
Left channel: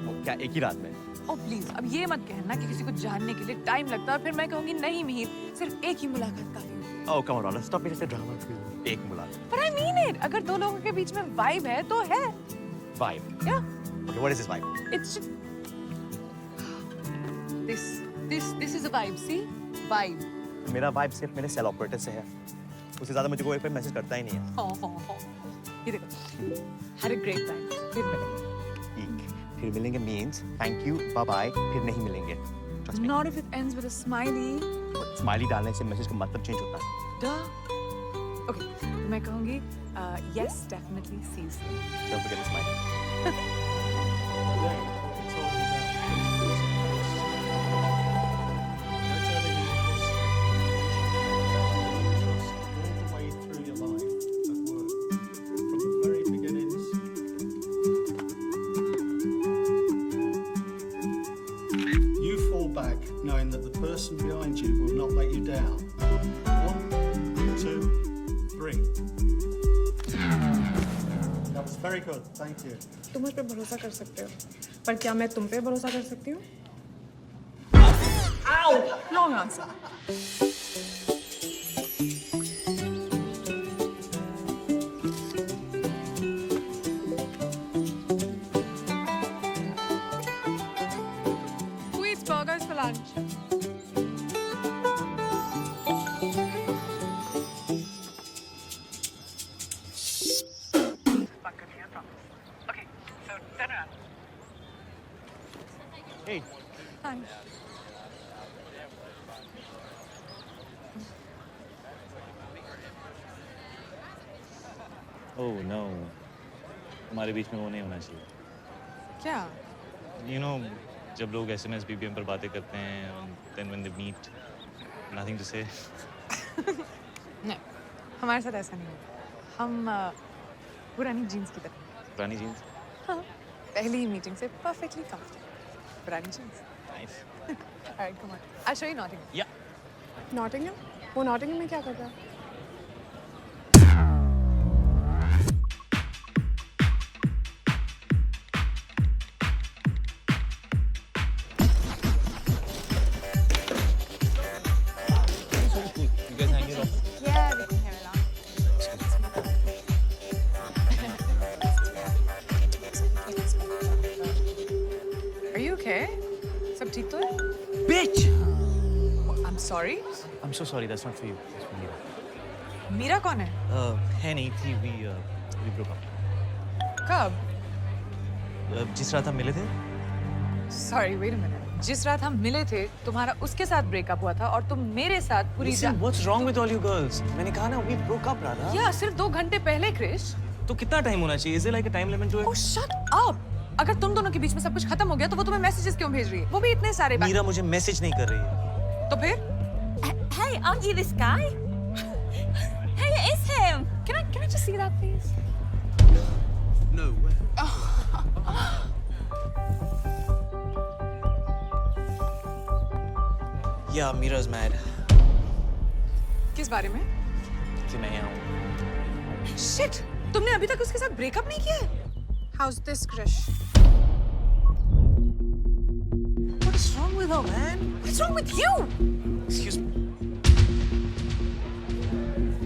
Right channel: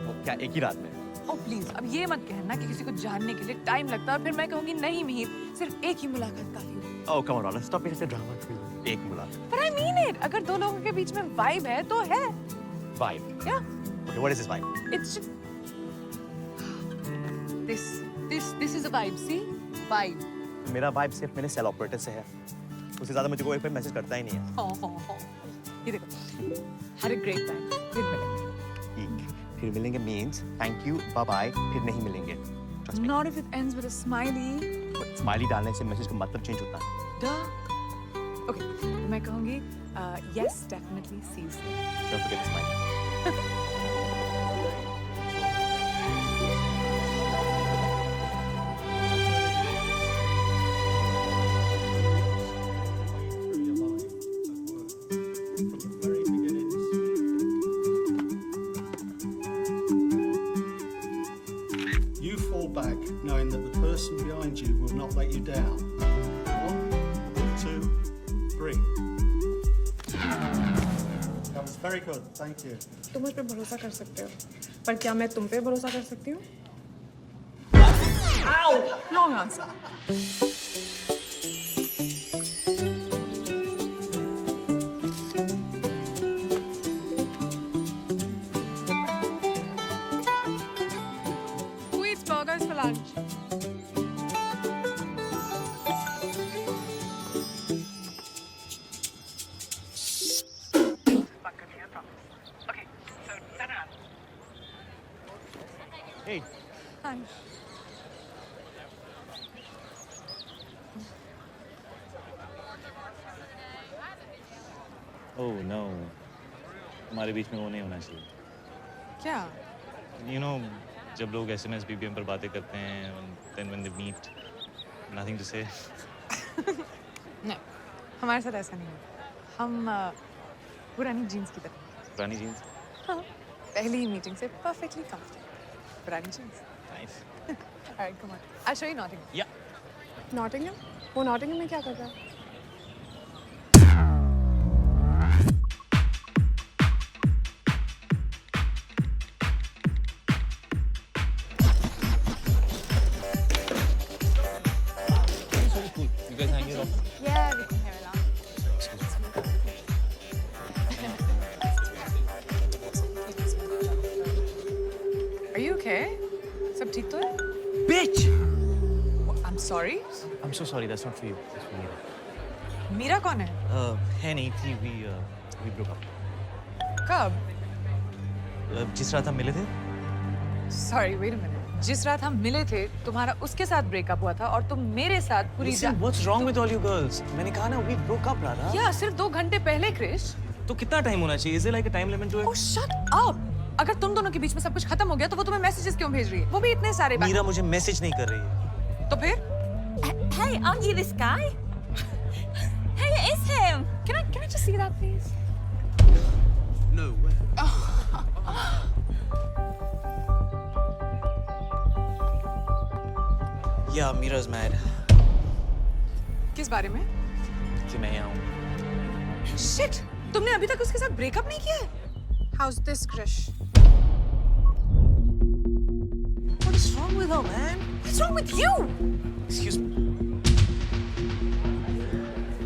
वो क्या एक ही रात में? Oh please, अब ये मत कहना कि किसी को जानने के लिए टाइम लगता है. फिर मैं कहूँगी नहीं मिहिर, सिर्फ एक ही मुलाकात काफी होगी. Oh come on, Radha, stop being such a drama queen. एक मुलाकात. But I mean it. अगर 2 लोगों के बीच में vibe है तो है. Vibe. Yeah. Okay, what is this vibe? It's just... This is a vibe. See, vibe. मेरा vibe सिर्फ मेरे सेल ऑपरेटर से है. उससे ज़्यादा मुझे कोई मैसेज करता ही नहीं है. Oh. ये देखो. Had a great time. फिर मिलेंगे. ठीक. फिर मिलेंगे means thank you, bye bye. फिर नहीं मिलेंगे. Trust me. Not if it ends with a smiley. Smiley डालने से मैसेज का मतलब चेंज होता है. Duh. Okay. तो मैं कहूँगी yes, definitely see you soon. Don't forget the smiley. You fall back knowing that the person behind you will not let you down. 1, 2, 3. That was very good. Thank you. तुम मुझ पे भरोसा कर सकते हो, पर क्या मैं तुम पे भरोसा कर सकती हूँ? Ow! Wrong answer. boys for lunch. Hey. Hi. Oh no. हमारे बीच में वो नहीं होना चाहिए. क्या? You know, जब लोग SMS BBM पर बातें करते हैं, then when they meet, nothing to say. नहीं, हमारे साथ ऐसा नहीं होगा. हम पुरानी जीन्स की तरह. पुरानी जीन्स. हाँ. पहली मीटिंग से perfectly comfortable. पुरानी jeans. Nice. Alright, come on. I'll show you Nottingham. Yeah. Nottingham? वो Nottingham में क्या कर रहा है? You guys hang it off? Yeah, we can hear it out. Are you okay? सब ठीक तो है? Bitch! I'm sorry. I'm so sorry. That's not for you. That's for Mira. Meera कौन है? है नहीं थी. We broke up. कब? जिस रात हम मिले थे. Sorry, wait a minute. जिस रात हम मिले थे, तुम्हारा उसके साथ ब्रेकअप हुआ था और तुम मेरे साथ पूरी Listen, what's wrong with all you girls? मैंने कहा ना, we broke up, राधा. या सिर्फ 2 घंटे पहले, क्रिश. तो कितना टाइम होना चाहिए? Is there like a time limit to it? Oh, shut up! अगर तुम दोनों के बीच में सब कुछ खत्म हो गया, तो वो तुम्हें मैसेजेस क्यों भेज रही है? वो भी इतने सारे. मीरा मुझे मैसेज नहीं कर रही है. तो फिर? Hey, aren't you this guy? Hey, it is him. Can I just see that, please? No way. Yeah, Mira's mad. किस बारे में? कि मैं यहाँ हूँ. Shit! तुमने अभी तक उसके साथ ब्रेकअप नहीं किया है? How's this, Krish? What is wrong with her, man? What's wrong with you? Excuse me.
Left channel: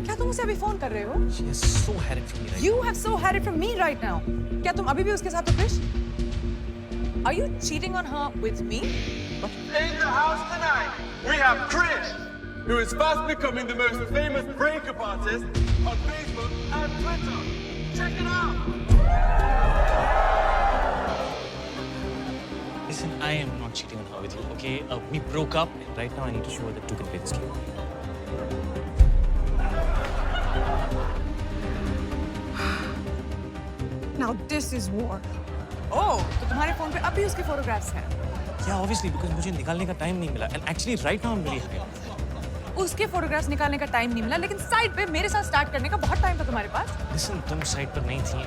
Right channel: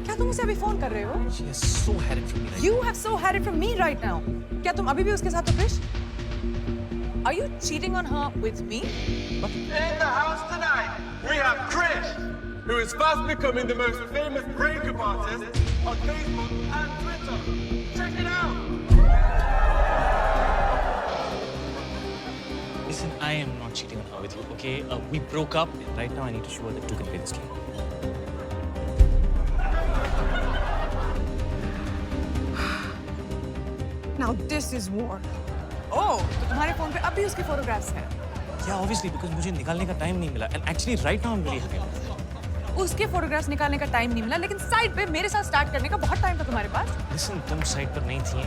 क्या तुम उसे अभी फोन कर रहे हो? She has so had it from me. You have so had it from me right now. क्या तुम अभी भी उसके साथ हो, Krrish? Are you cheating on her with me? In the house tonight, we have Krish, who is fast becoming the most famous breakup artist on Facebook and Twitter. Check it out. Listen, I am not cheating on her with you, okay? We broke up. Right now, I need to show her that you can play this game. Now this is war. Oh, तो तुम्हारे फोन पे अभी उसके फोटोग्राफ्स हैं? Yeah, obviously, because मुझे निकालने का टाइम नहीं मिला. And actually, right now, I'm really happy. उसके फोटोग्राफ्स निकालने का टाइम नहीं मिला, लेकिन साइड पे मेरे साथ स्टार्ट करने का बहुत टाइम था तुम्हारे पास. Listen, तुम साइड पर नहीं थी.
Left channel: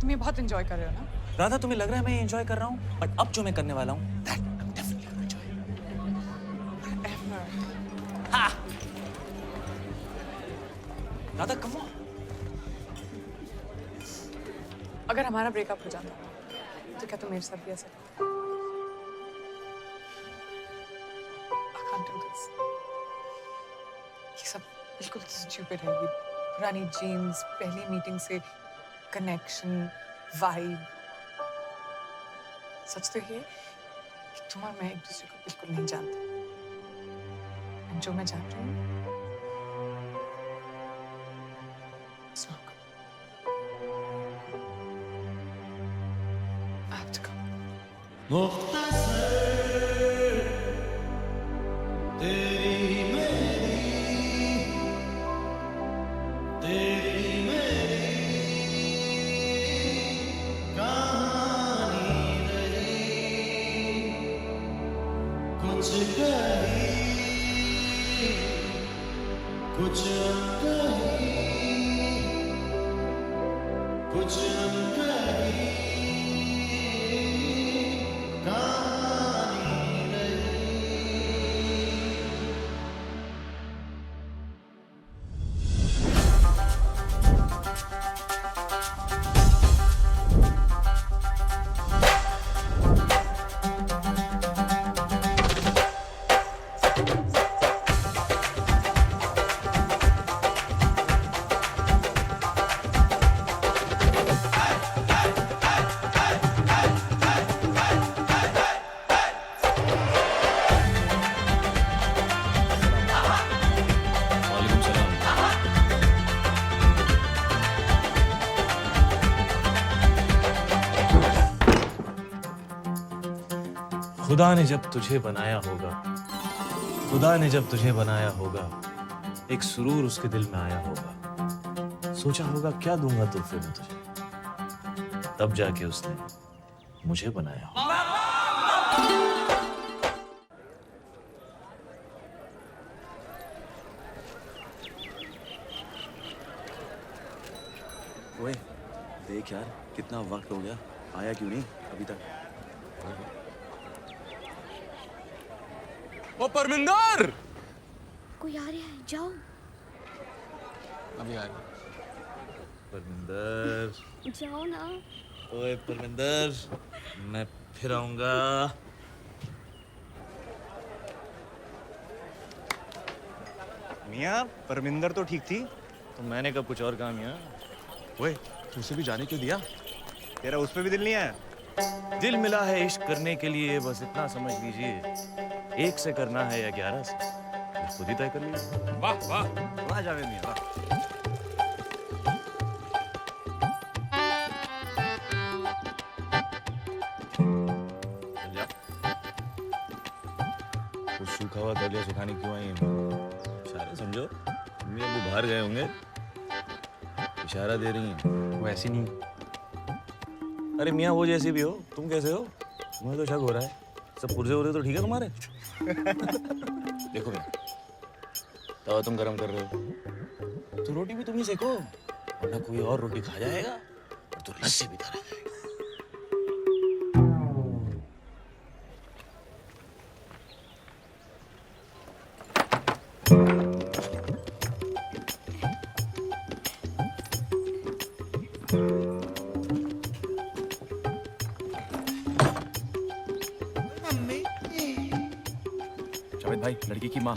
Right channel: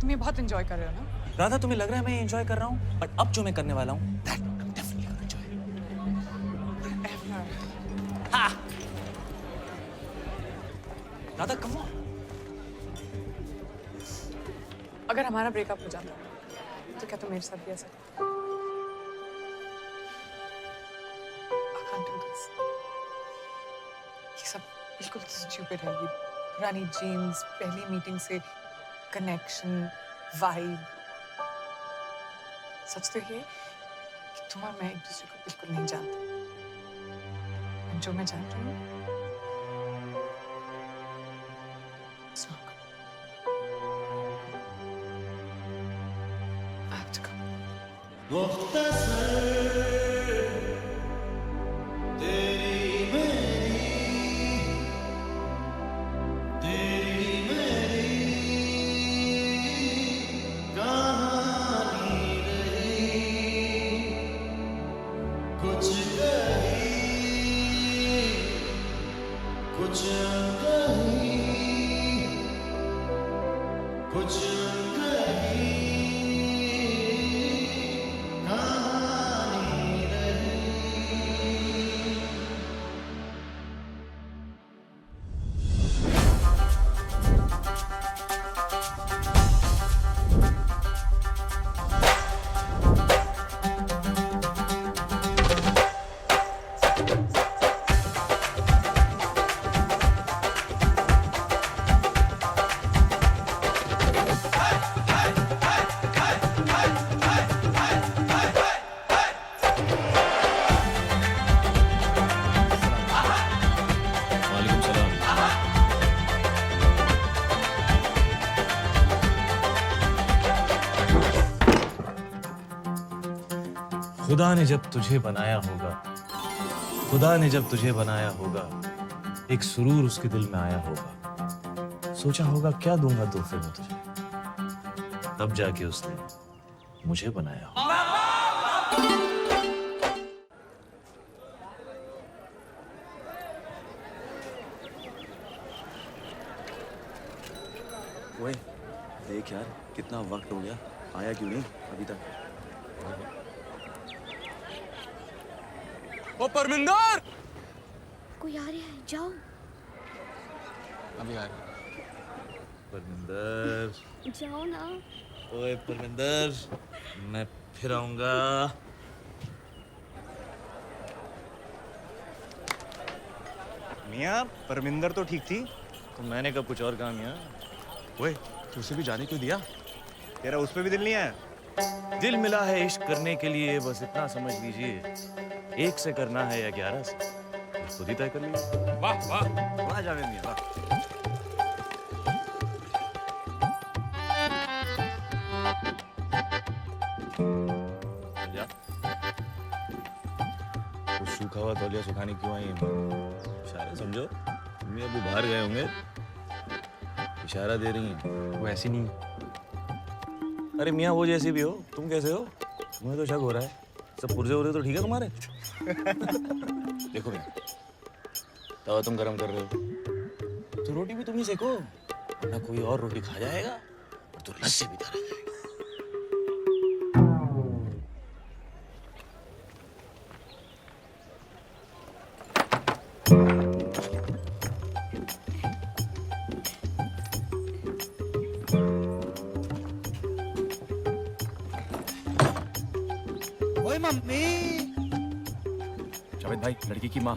तुम ये बहुत एंजॉय कर रहे हो ना? राधा, तुम्हें लग रहा है मैं एंजॉय कर रहा हूँ, बट अब जो मैं करने वाला हूँ, that I'm definitely gonna enjoy. Whatever. Ha! Radha, come on. अगर हमारा ब्रेकअप हो जाता, तो क्या तुम मेरे साथ भी ऐसा करते? I can't do this. ये सब बिल्कुल stupid है. ये पुरानी जीन्स, पहली मीटिंग से कनेक्शन, वाइब. सच तो ये कि तुम और मैं एक दूसरे को बिल्कुल नहीं जानते. और जो मैं जान रही हूँ, it's not good. I have to go. खुदा ने जब तुझे बनाया होगा, खुदा ने जब तुझे बनाया होगा, एक सुरूर उसके दिल में आया होगा। सोचा होगा क्या दूंगा तोहफे में तुझे, तब जाके उसने मुझे बनाया होगा। ओए देख यार, कितना वक्त हो गया, आया क्यों नहीं अभी तक? ओ परमिंदर! कोई आ रहा है, जाओ। अभी आ रहा। परमिंदर, जाओ ना। ओए परमिंदर, मैं फिर आऊंगा। मियाँ, परमिंदर तो ठीक थी। तो मैंने कब कुछ और कहा मियाँ? ओए तुझसे भी जाने क्यों दिया? तेरा उस पे भी दिल नहीं आया? दिल मिला है इश्क करने के लिए, बस इतना समझ लीजिए। 1 से करना है या 11 से, ये खुद ही तय कर लीजिए। वाह वाह वाह जावेद मियाँ, वाह। चल जा। वो सूखा हुआ तौलिया सुखाने क्यों आई है? इशारे समझो, मम्मी अबू बाहर गए होंगे, इशारा दे रही हैं। वो ऐसी नहीं। अरे मियाँ वो जैसी भी हो, तुम कैसे हो? मुझे तो शक हो रहा है। सब पुर्जे उर्जे तो ठीक है तुम्हारे? देखो मियाँ, तवा तुम गरम कर रहे हो तो रोटी भी तुम ही सेको, वरना कोई और रोटी खा जाएगा और तो लस्सी भी खा जाएगा। ओए मम्मी। जावेद भाई, लड़की की माँ।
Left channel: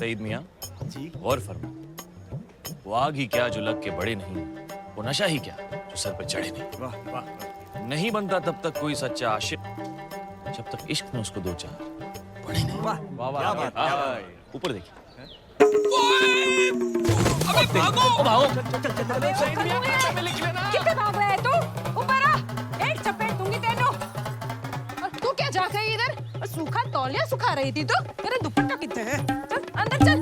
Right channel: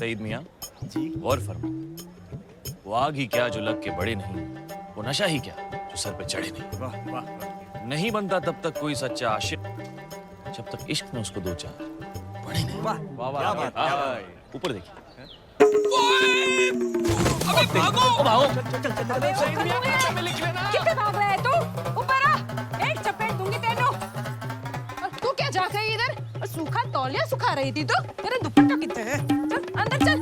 सईद मियाँ जी? गौर फरमा, वो आग ही क्या जो लग के बड़े नहीं, वो नशा ही क्या जो सर पे चढ़े नहीं। वाह वाह। नहीं बनता तब तक कोई सच्चा आशिक, जब तक इश्क में उसको 2-4 पड़े नहीं। वाह वाह वाह, क्या बात, क्या बात। ऊपर देखिए। अबे भागो! भागो! कितने भाग रहा है तू? ऊपर आ! एक चपेट दूंगी तेनू। और तू क्या झांक रही है इधर? और सूखा तौलिया सुखा रही थी तू? तेरा दुपट्टा कितने है? चल अंदर चल।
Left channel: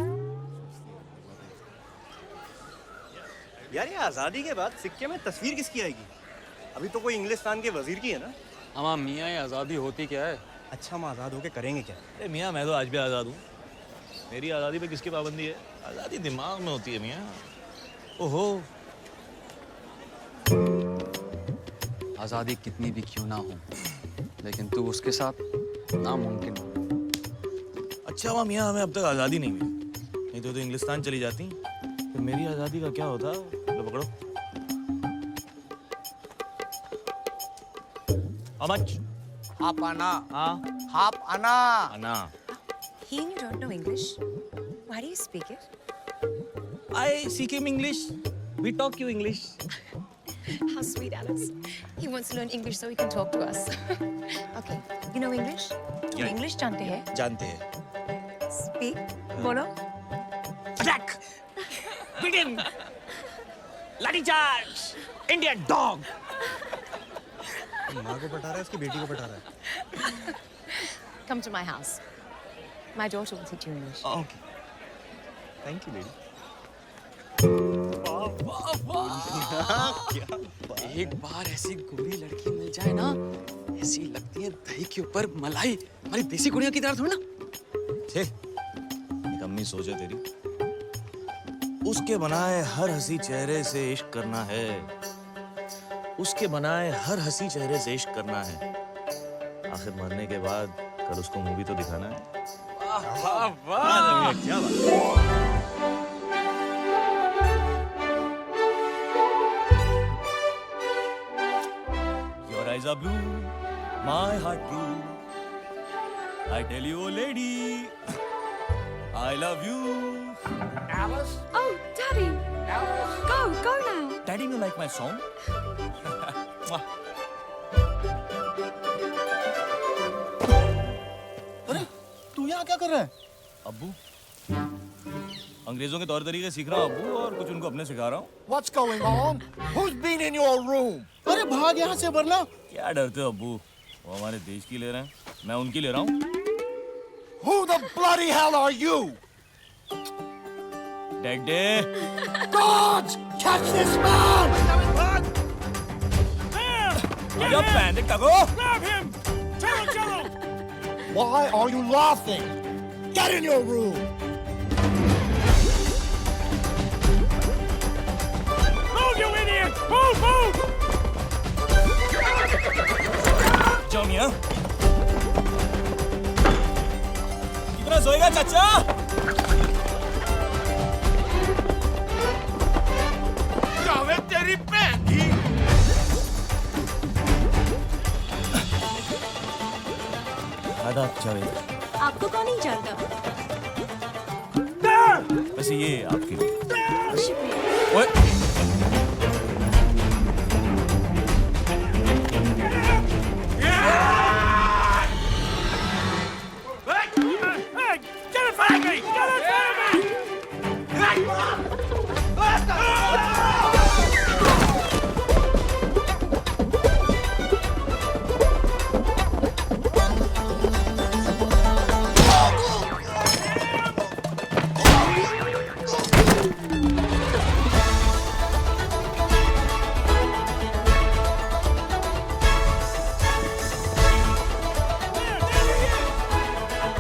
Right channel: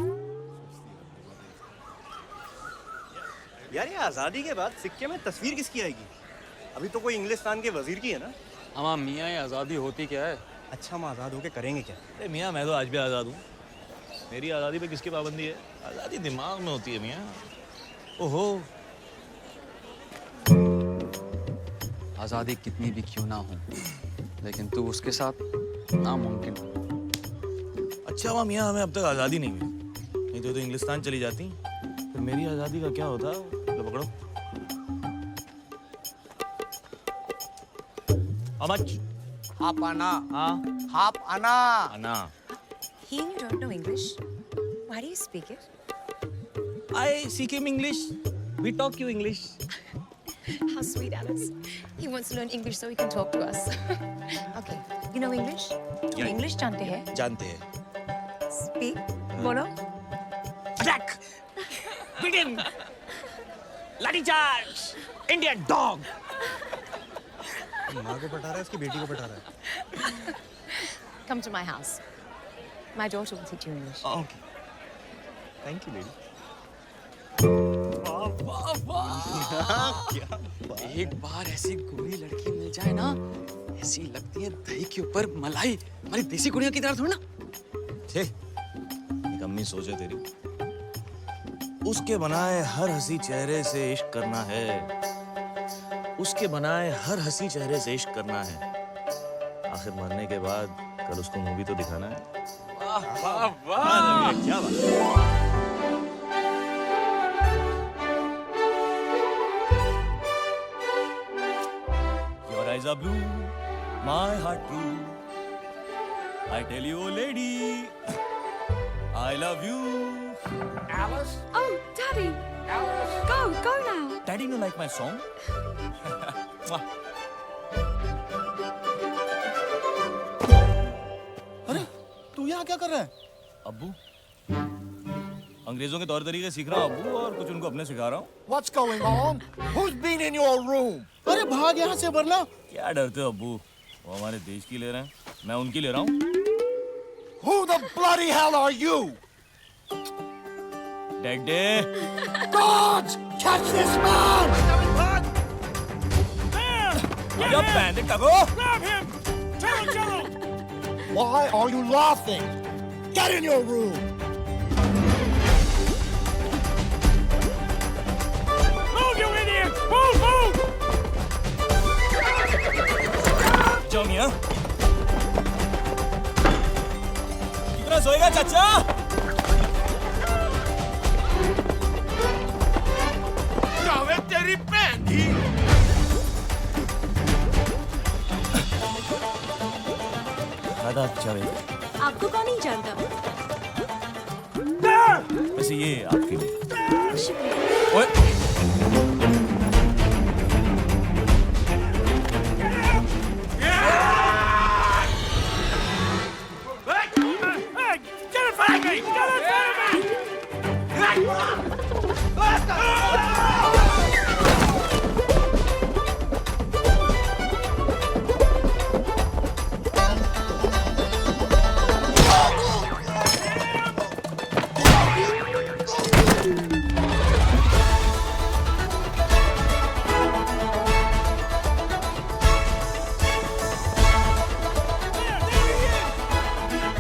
यार ये आजादी के बाद सिक्के में तस्वीर किसकी आएगी? अभी तो कोई इंग्लिस्तान के वजीर की है ना? हाँ मियाँ, ये आज़ादी होती क्या है? अच्छा, हम आजाद होके करेंगे क्या? अरे मियाँ मैं तो आज भी आज़ाद हूँ। मेरी आज़ादी पे किसकी पाबंदी है? आज़ादी दिमाग में होती है मियाँ। ओहो, आज़ादी कितनी भी क्यों ना हो, लेकिन तू उसके साथ नामुमकिन। अच्छा हुआ मियाँ हमें अब तक आज़ादी नहीं मिली, नहीं तो इंग्लिस्तान चली जाती, फिर मेरी आज़ादी का क्या होता? लो पकड़ो। How much? हाफ आना। हाँ? हाफ आना। आना। He and you don't know English. Why do you speak it? I speak him English. We talk you English. How sweet, Alex. He wants to learn English so he can talk to us. Okay, you know English? तुम Yeah. English जानते हैं? जानते हैं। Speak. बोलो. Attack! Begin! Lathi charge! Indian dog! माँ को पटा रहा है, उसकी बेटी को पटा रहा है। Come to my house. My daughter will teach you English. Okay. Thank you, lady. वाह वाह वाह! एक बार ऐसी गोरी लड़की मिल जाए ना, ऐसी लगती है दही के ऊपर मलाई। हमारी देसी कुड़ियों की तरह थोड़ी ना। छे, निकम्मी सोच है तेरी। उसके बनाए हर हंसी चेहरे से इश्क करना है, उसके बनाए हर हंसी चेहरे से इश्क करना है। आखिर मरने के बाद कल उसको मूवी तो दिखाना है। वाह वाह! क्या बात है? Your eyes are blue, my heart true. I tell you, oh lady, I love you. Alice? Oh, Daddy. Alice? Go now. Daddy, you like my song? Mwah. अरे तू यहाँ क्या कर रहा है? अब्बू, अंग्रेजों के तौर तरीके सीख रहा हूँ अब्बू, और कुछ उनको अपने सिखा रहा हूँ। What's going on? Who's been in your room? अरे भाग यहाँ से वरना। क्या डरते हो अब्बू? वो हमारे देश की ले रहे हैं, मैं उनकी ले रहा हूँ। Who the bloody hell are you? Daddy. Guards! Catch this man! आजा पैंदे टको। Grab him! Jello! Why are you laughing? Get in your room! Move, you idiot! Move! जाओ मियाँ। कितना सोएगा चाचा? जावेद तेरी बहन ही। आदाब जावेद। आपको कौन नहीं जानता? वैसे ये आपके लिए। शुक्रिया। ओए।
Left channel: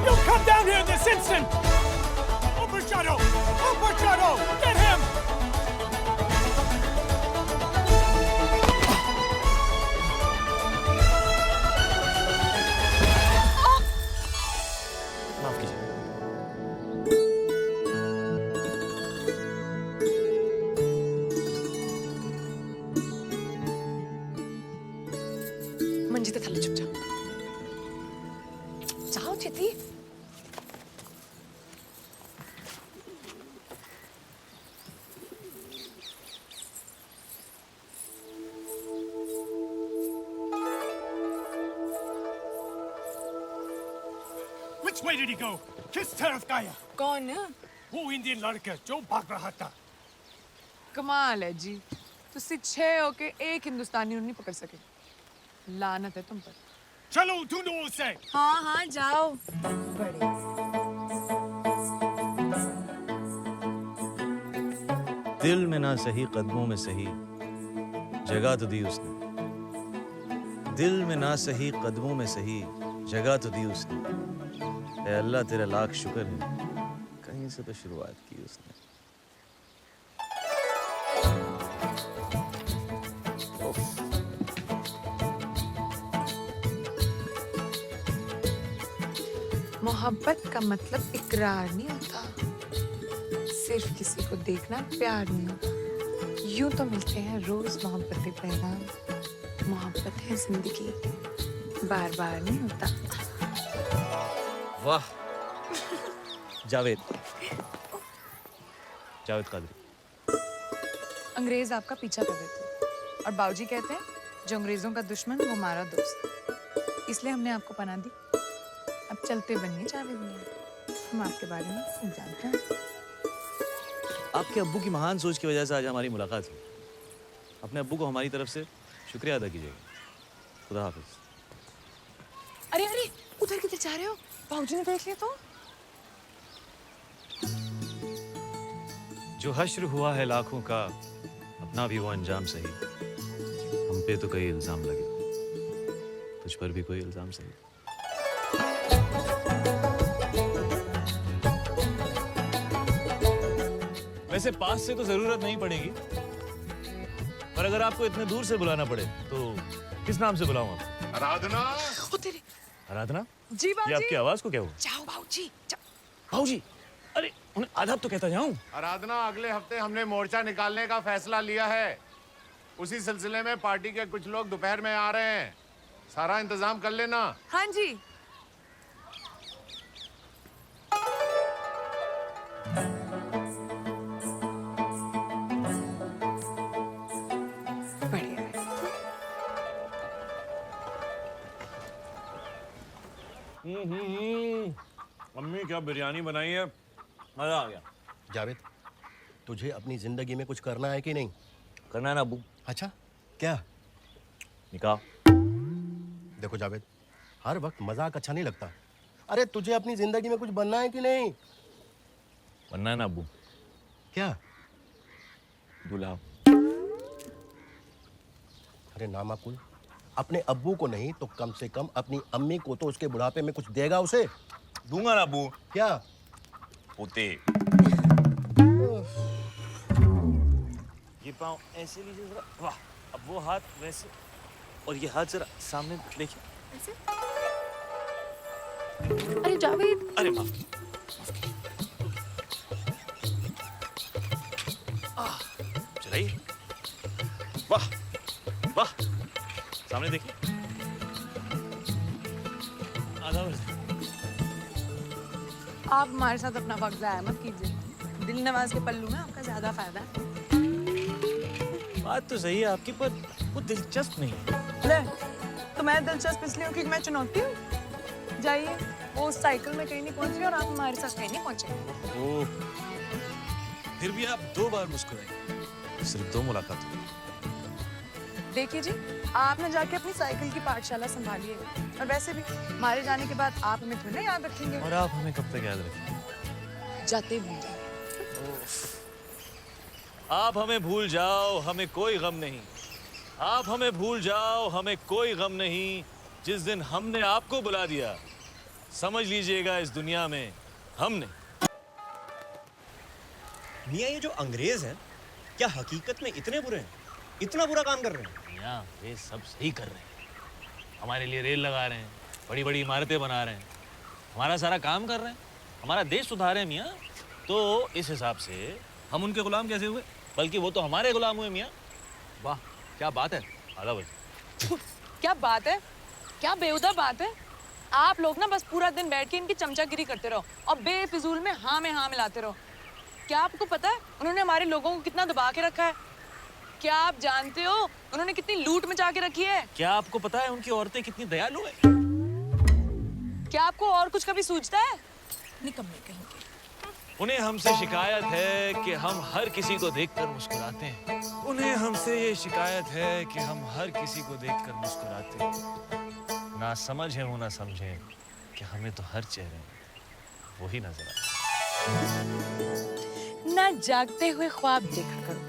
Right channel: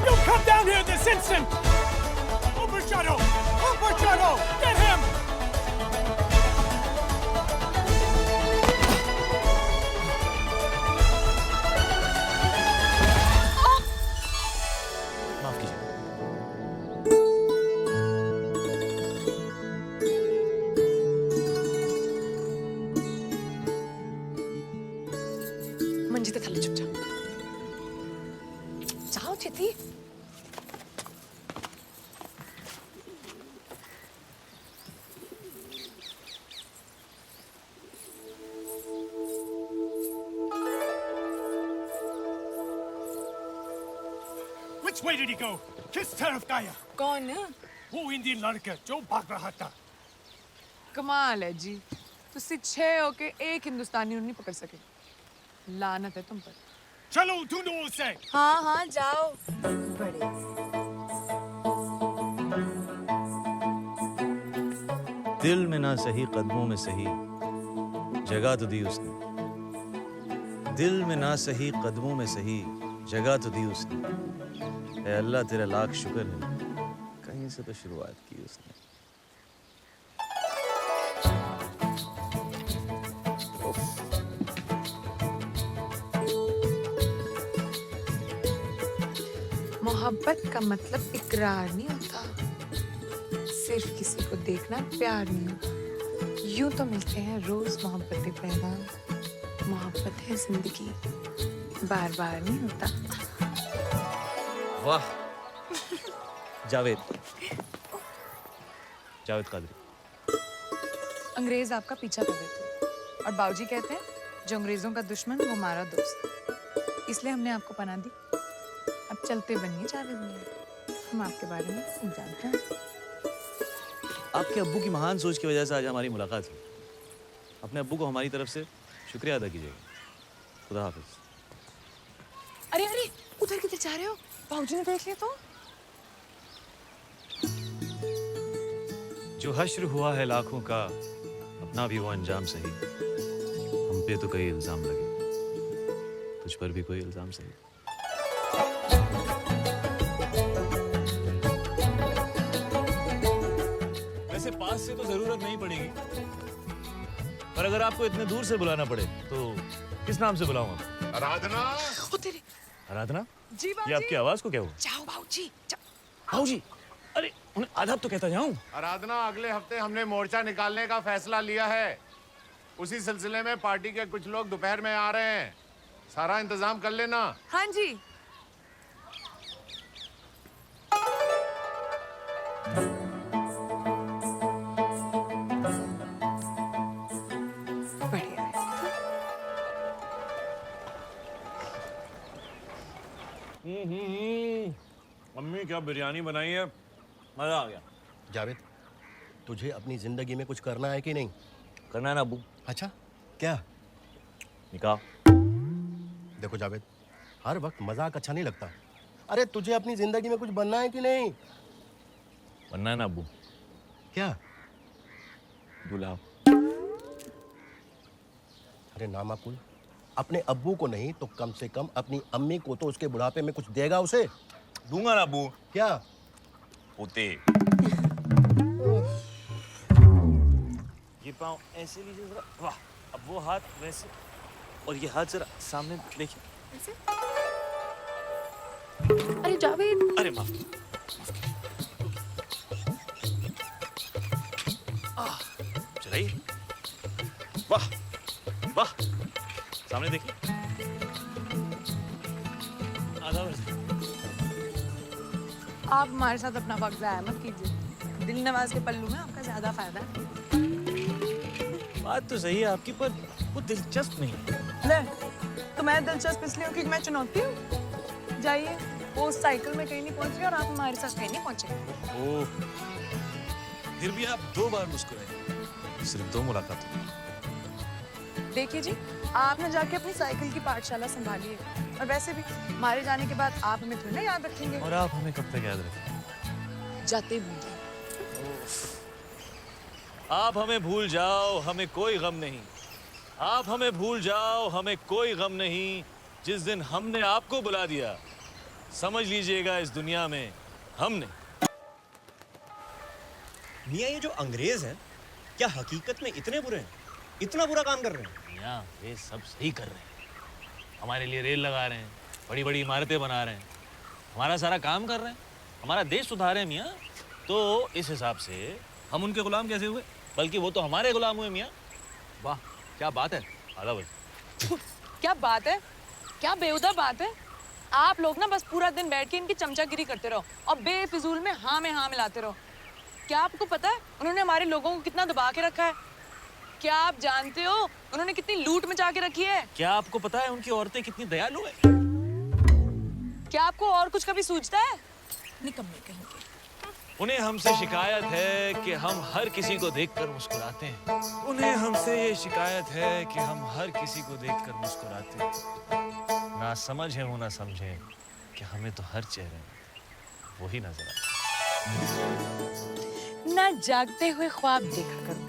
You come down here this instant! Overshadow! Get him! माफ कीजिए। मंजित थाले चुप जाओ। जाओ चिति। Which way did he go? किस तरफ गया? कौन? वो इंडियन लड़का जो भाग रहा था। कमाल है जी, तुझसे 6 होके एक हिंदुस्तानी नहीं पकड़ सके। लानत है तुम पर। चलो ढूंढो उसे। हाँ जाओ। बड़े दिल में ना सही कदमों में सही जगह तो दी उसने। दिल में ना सही कदमों में सही जगह तो दी उसने। ऐ अल्लाह तेरा लाख शुक्र है, कहीं से तो शुरुआत की उसने। मोहब्बत का मतलब इकरार नहीं होता, सिर्फ किसी को देखना प्यार नहीं होता। यूं तो मिलते हैं रोज मोहब्बतें पैगाम, मोहब्बत है जिंदगी, बार बार नहीं होता। वाह जावेद कादरी। अंग्रेज आपका पीछा कर रहे थे और बाबूजी कहते हैं जो अंग्रेजों का दुश्मन वो हमारा दोस्त, इसलिए हमने आपको पनाह दी। अब चलते बनिए जावेद मियां, हम आपके बारे में सब जानते हैं। आपके अब्बू की महान सोच की वजह से आज हमारी मुलाकात हुई। अपने अब्बू को हमारी तरफ से शुक्रिया अदा कीजिएगा। खुदा हाफिज। अरे अरे उधर किधर जा रहे हो? बाबूजी ने देख लिया तो। जो हश्र हुआ है लाखों का, अपना भी वो अंजाम सही। हम पे तो कई इल्जाम लगे, तुझ पर भी कोई इल्जाम सही। वैसे पास से तो जरूरत नहीं पड़ेगी, पर अगर आपको इतने दूर से बुलाना पड़े तो किस नाम से बुलाऊं आपको? आराधना। ओ तेरे। आराधना? जी बाबूजी। ये आपकी आवाज को क्या हुआ? जाओ बाबूजी। बाबूजी, अरे उन्हें आदाब तो कहता जाऊं। आराधना, अगले हफ्ते हमने मोर्चा निकालने का फैसला लिया है। उसी सिलसिले में पार्टी के कुछ लोग दोपहर में आ रहे हैं। सारा इंतजाम कर लेना। हाँ जी। बढ़िया है। मम्मी क्या बिरयानी बनाई है, मजा आ गया। जावेद, तुझे अपनी जिंदगी में कुछ करना है कि नहीं? करना है ना अब्बू। अच्छा, क्या? निकाह। देखो जावेद, हर वक्त मजाक अच्छा नहीं लगता। अरे तुझे अपनी जिंदगी में कुछ बनना है कि नहीं? बनना है ना अब्बू। क्या? दूल्हा। अरे नामाकुल, अपने अब्बू को नहीं तो कम से कम अपनी अम्मी को तो उसके बुढ़ापे में कुछ देगा उसे। दूंगा ना अब्बू। क्या? पोते। ये पाँव ऐसे लीजिए जरा। वाह, अब वो हाथ वैसे और ये हाथ जरा सामने देखिए। ऐसे? अरे जावेद। अरे माफ चलाइए। वाह वाह, सामने देखिए। आधा वर्ष। आप हमारे साथ अपना वक्त ज़ाया मत कीजिए। दिल नवाज के पल्लू में आपका ज्यादा फायदा है। बात तो सही है आपकी, पर वो दिलचस्प नहीं है। ले, तो मैं दिलचस्प इसलिए हूँ क्योंकि मैं चुनौती हूँ। जाइए, वो उस साइकिल में कहीं नहीं पहुंच रही और आप हमारे साथ कहीं नहीं पहुंचे। ओह, फिर भी आप 2 बार मुस्कुराए, सिर्फ 2 मुलाकात हुई। देखिए जी, आप ना जाके अपनी साइकिल की पाठशाला संभालिए। और वैसे भी हमारे जाने के बाद आप हमें थोड़ी ना याद रखेंगे। और आप हमें कब तक याद रखेंगे? जाते ही भूल जाओ। आप हमें भूल जाओ, हमें कोई गम नहीं। आप हमें भूल जाओ, हमें कोई गम नहीं। जिस दिन हमने आपको बुला दिया, समझ लीजिएगा इस दुनिया में हमने। मियाँ, ये जो अंग्रेज हैं, क्या हकीकत में इतने बुरे हैं? इतना बुरा काम कर रहे हैं? मियाँ, वे सब सही कर रहे हैं। हमारे लिए रेल लगा रहे हैं, बड़ी बड़ी इमारतें बना रहे हैं, हमारा सारा काम कर रहे हैं, हमारा देश सुधार रहे हैं मियाँ। तो इस हिसाब से हम उनके गुलाम कैसे हुए? बल्कि वो तो हमारे गुलाम हुए मियाँ। वाह, क्या बात है। आधा बजे। क्या बात है? क्या बेहुदा बात है? आप लोग ना बस पूरा दिन बैठ के इनकी चमचागिरी करते रहो और बेफिजूल में हाँ मिलाते रहो। क्या आपको पता है उन्होंने हमारे लोगों को कितना दबा के रखा है? क्या आप जानते हो उन्होंने कितनी लूट मचा के रखी है? क्या आपको पता है उनकी औरतें कितनी दयालु है? क्या आपको और कुछ कभी सूझता है? निकम्मे कहीं के। उन्हें हमसे शिकायत है कि हम हर किसी को देखकर मुस्कुराते हैं। उन्हें हमसे ये शिकायत है कि हम हर किसी को देखकर मुस्कुराते हैं। ना समझ है वो ना समझे कि हमें तो हर चेहरे में वही नजर आता। ना जागते हुए ख्वाब देखा करो,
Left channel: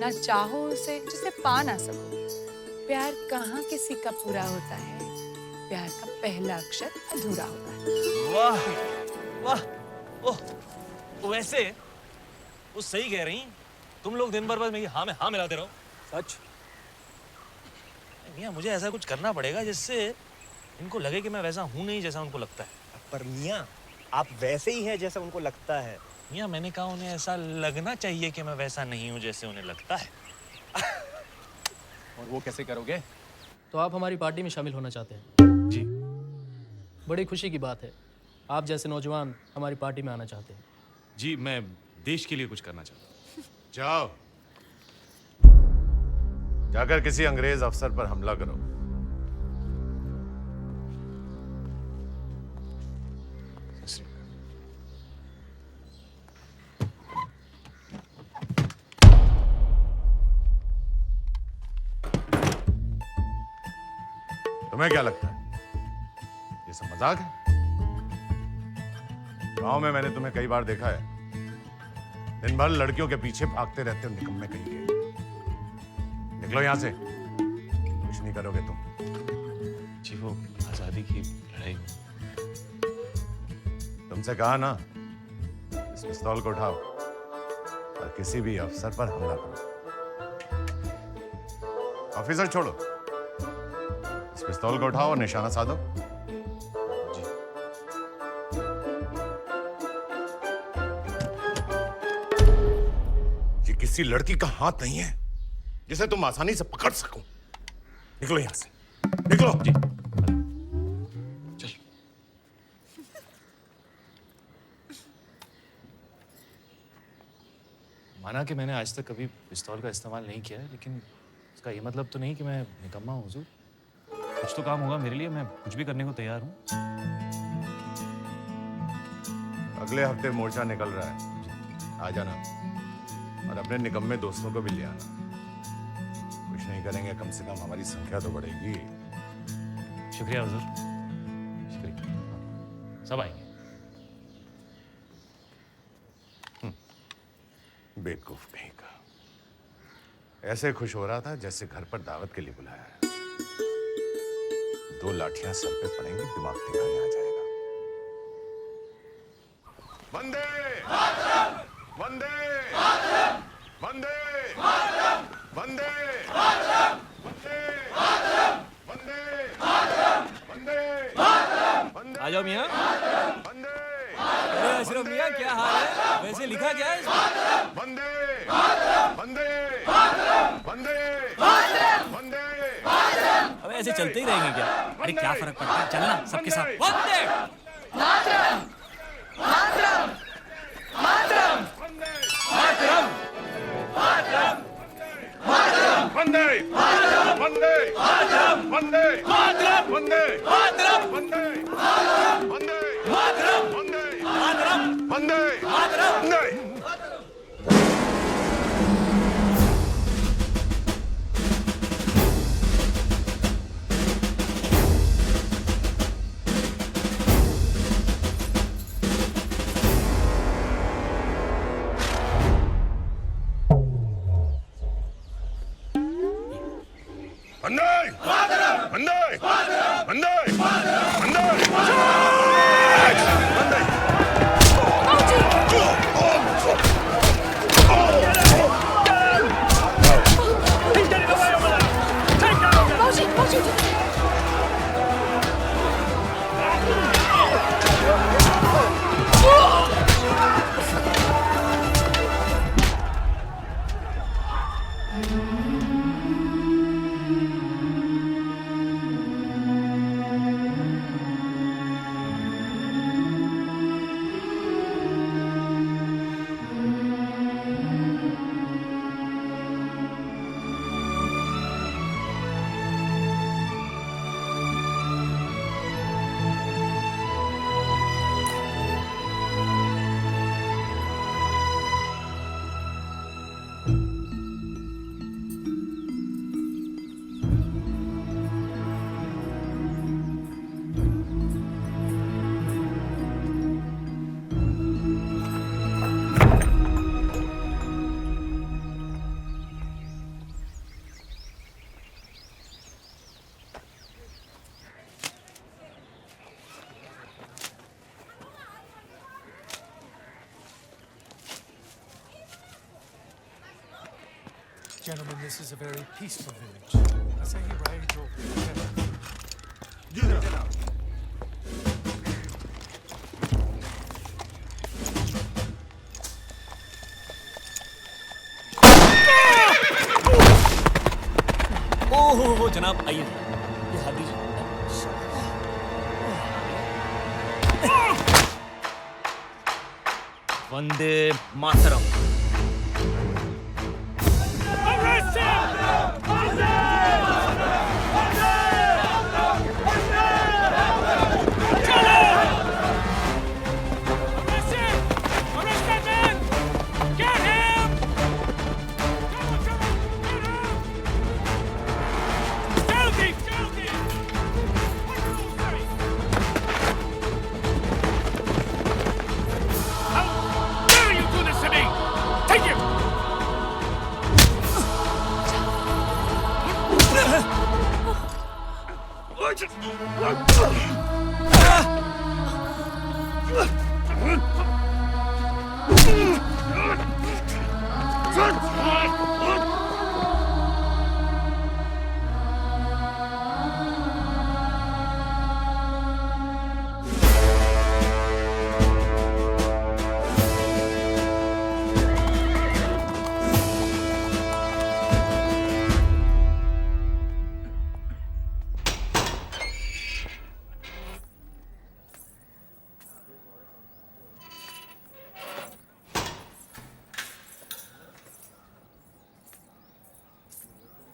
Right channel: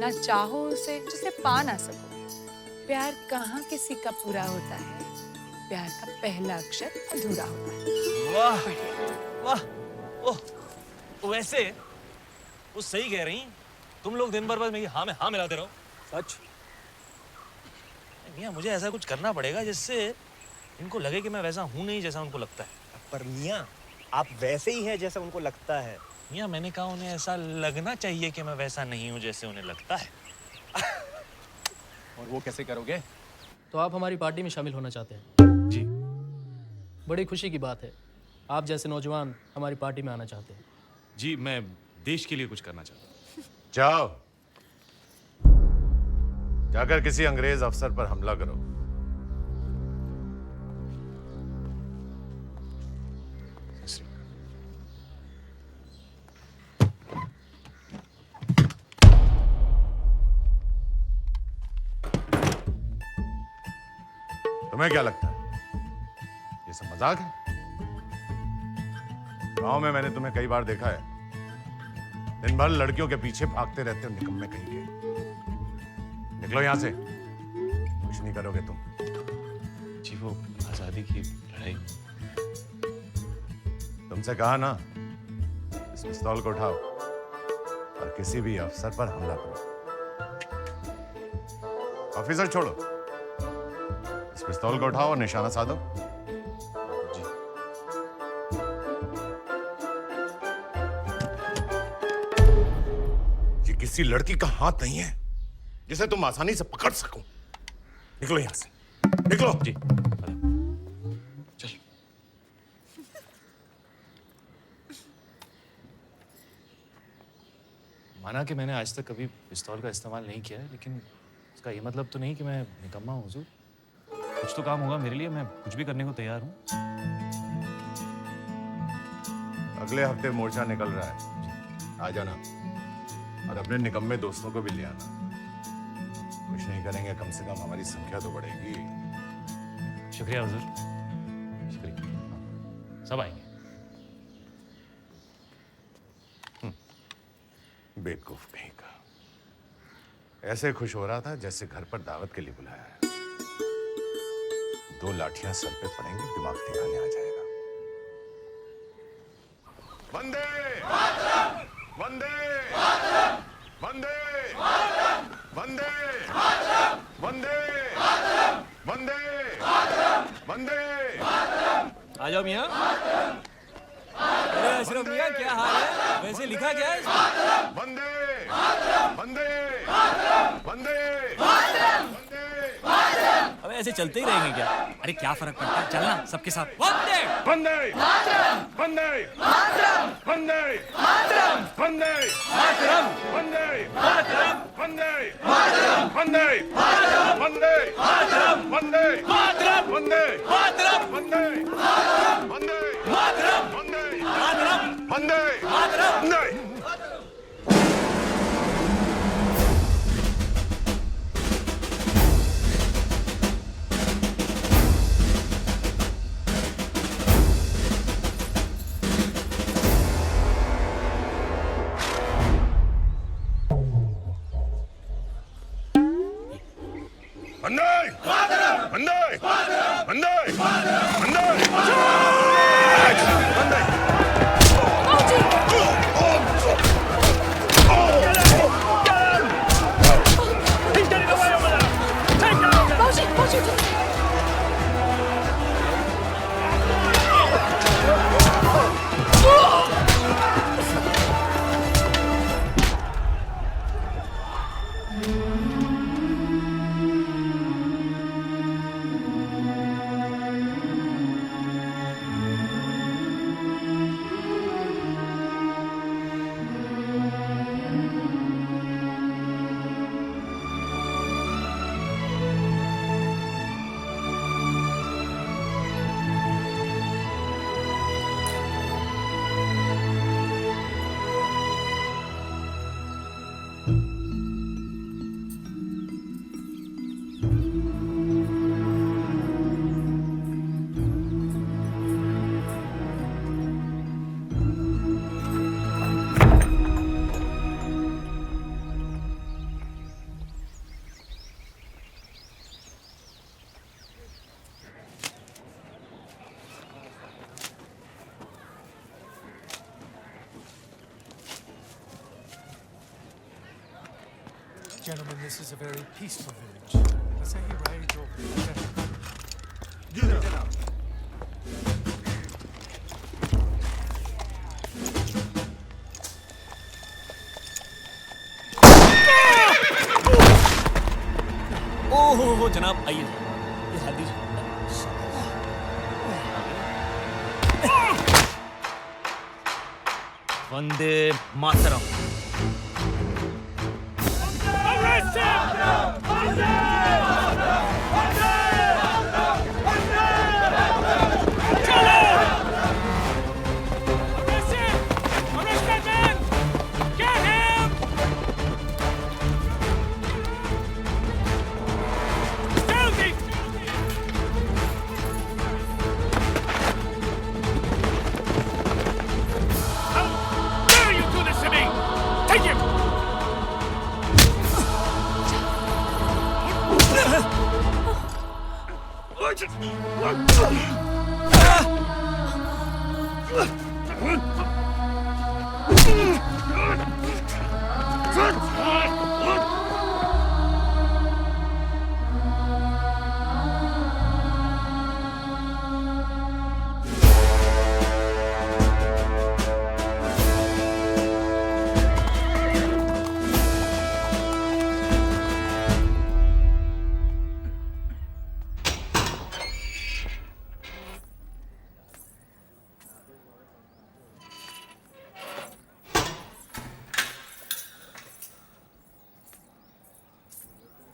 ना चाहो उसे जिसे पा ना सको। प्यार कहाँ किसी का पूरा होता है, प्यार का पहला अक्षर अधूरा होता है। वाह वाह, ओह, वैसे वो सही कह रही। तुम लोग दिन भर बस मेरी हाँ में हाँ मिलाते रहो। सच? मियाँ, मुझे ऐसा कुछ करना पड़ेगा जिससे इनको लगे कि मैं वैसा हूँ नहीं जैसा उनको लगता है। पर मियाँ, आप वैसे ही हैं जैसा उनको लगता है। मियाँ, मैंने कहा उन्हें ऐसा लगना चाहिए कि मैं वैसा नहीं हूँ जैसे उन्हें लगता है। और वो कैसे करोगे? तो आप हमारी पार्टी में शामिल होना चाहते हैं? जी। बड़ी खुशी की बात है, आप जैसे नौजवान हमारी पार्टी में आना चाहते हैं। जी, मैं देश के लिए कुछ करना चाहता हूँ। जाओ, जाकर किसी अंग्रेज अफसर पर हमला करो। तुम्हें क्या लगता है ये सब मजाक है? गांव में मैंने तुम्हें कई बार देखा है, दिन भर लड़कियों के पीछे भागते रहते हो, निकम्मे कहीं के। निकलो यहां से, कुछ नहीं करोगे तुम। जी, वो आजादी की लड़ाई। तुमसे कहा ना, इस पिस्तौल को उठाओ और किसी भी अफसर पर हमला करो। ऑफिसर छोड़ो, इस पिस्तौल को उठाओ और निशाना साधो। जी। ये किसी लड़की का हाथ नहीं है जिसे तुम आसानी से पकड़ सको। निकलो यहां से, निकलो। जी। चल। माना कि मैंने आज तक कभी पिस्तौल का इस्तेमाल नहीं किया है, लेकिन इसका ये मतलब तो नहीं कि मैं निकम्मा हूँ हुजूर। कुछ तो काम होगा मेरे लिए, मैं कुछ भी करने को तैयार हूँ। अगले हफ्ते मोर्चा निकल रहा है। आ जाना और अपने निकम्मे दोस्तों को भी ले आना। कुछ नहीं करेंगे, कम से कम हमारी संख्या तो बढ़ेगी। शुक्रिया हुजूर, शुक्रिया। सब आएंगे। बेवकूफ कहीं का, ऐसे खुश हो रहा था जैसे घर पर दावत के लिए बुलाया है। 2 लाठियां सर पे पड़ेंगी, दिमाग ठिकाने आ जाएगा। वंदे वंदे वंदे वंदे वंदे वंदे वंदे। आ जाओ मियाँ। अरे अशरफ मियाँ, क्या हाल है? वैसे लिखा क्या है इसमें? वंदे वंदे वंदे वंदे। अब ऐसे चलते ही रहेंगे क्या? अरे क्या फर्क पड़ता है, चलना सबके साथ। वंदे वंदे मातरम वंदे मातरम वंदे मातरम वंदे मातरम वंदे मातरम वंदे मातरम वंदे मातरम वंदे मातरम वंदे मातरम वंदे मातरम वंदे वंदे मातरम वंदे मातरम वंदे मातरम। वंदे। वंदे वंदे वंदे वंदे वंदे। Gentlemen, this is a very peaceful village. Let's say you ride over. ओहो जनाब, आइए ये हाथ दीजिए। वंदे मातरम।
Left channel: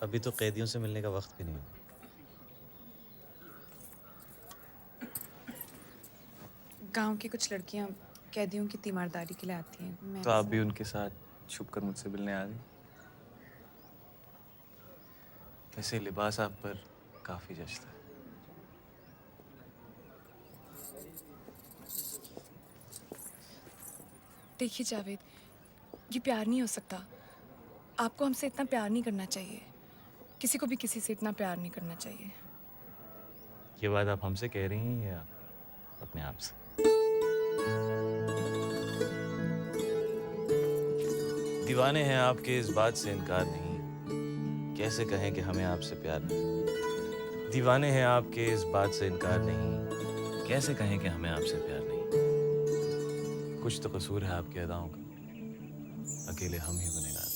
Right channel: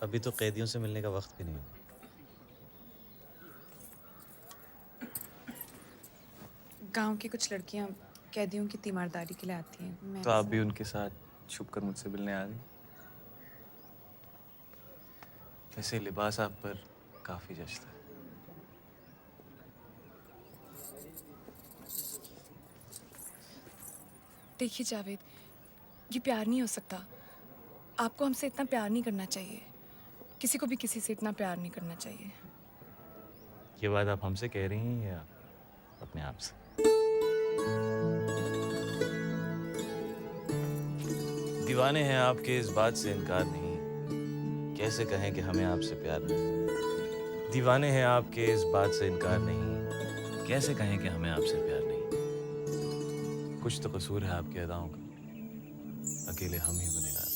अभी तो कैदियों से मिलने का वक्त भी नहीं है। गांव की कुछ लड़कियां कैदियों की तीमारदारी के लिए आती हैं। तो आप भी उनके साथ छुपकर मुझसे मिलने आ गई। वैसे लिबास आप पर काफी जचता है। देखिए जावेद, ये प्यार नहीं हो सकता। आपको हमसे इतना प्यार नहीं करना चाहिए। किसी को भी किसी से इतना प्यार नहीं करना चाहिए। ये बात आप हमसे कह रही हैं या अपने आप से? दीवाने हैं आपके इस बात से इनकार नहीं, कैसे कहें कि हमें आपसे प्यार नहीं। दीवाने हैं आपके इस बात से इनकार नहीं, कैसे कहें कि हमें आपसे प्यार नहीं। कुछ तो कसूर है आपकी अदाओं का, अकेले हम ही गुनहगार।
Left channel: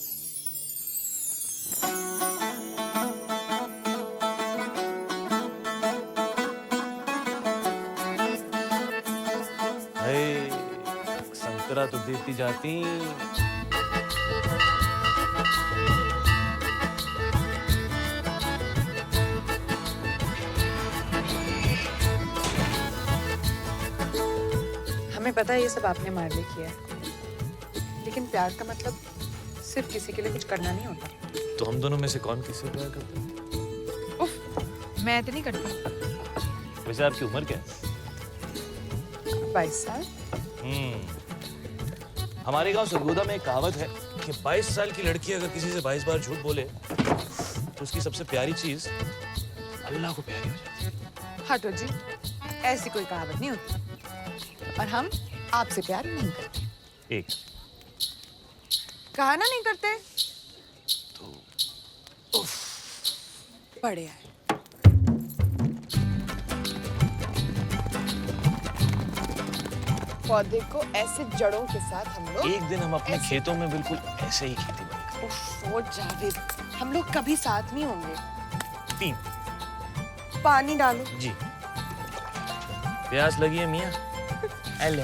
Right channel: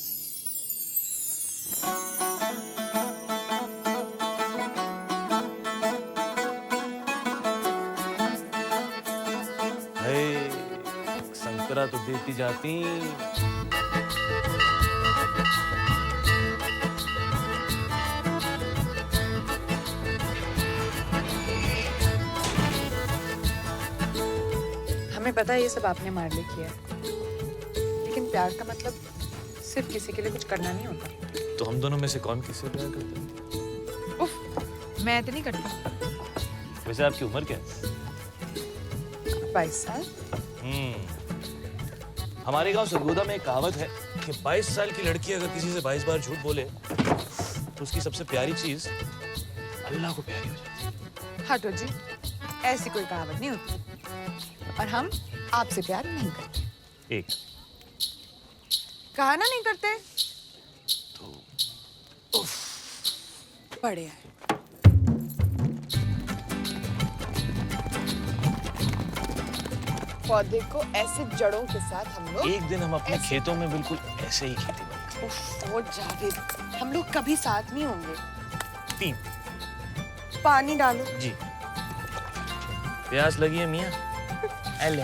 संतरा तो देती जाती। हमें पता है ये सब आपने हमारे लिए किया है, लेकिन प्यार का मतलब सिर्फ किसी के लिए कुछ करना नहीं होता। तो हम दोनों में से कौन किससे प्यार करता है? उफ, मैं तो नहीं करती। वैसे आपकी उम्र क्या है? 22 साल। हमारे गांव सरगोदा में एक कहावत है कि 22 साल की लड़की अगर किसी से 22 बार झूठ बोले तो उसकी सबसे प्यारी चीज अल्लाह को प्यारी हो जाती है। हटो जी, ऐसी कोई कहावत नहीं होती। और हम आपसे प्यार नहीं करते। एक कहा ना नहीं करते तो बढ़िया है। पौधे को ऐसे जड़ों के साथ हम लोग एक दिन हम अपने खेतों में बिल्कुल ऐसे ही खेती बाड़ी करेंगे। जावेद, हम लोग कभी साथ नहीं होंगे। 3 पानी डालो जी। प्यास लगी है मियाँ? ले।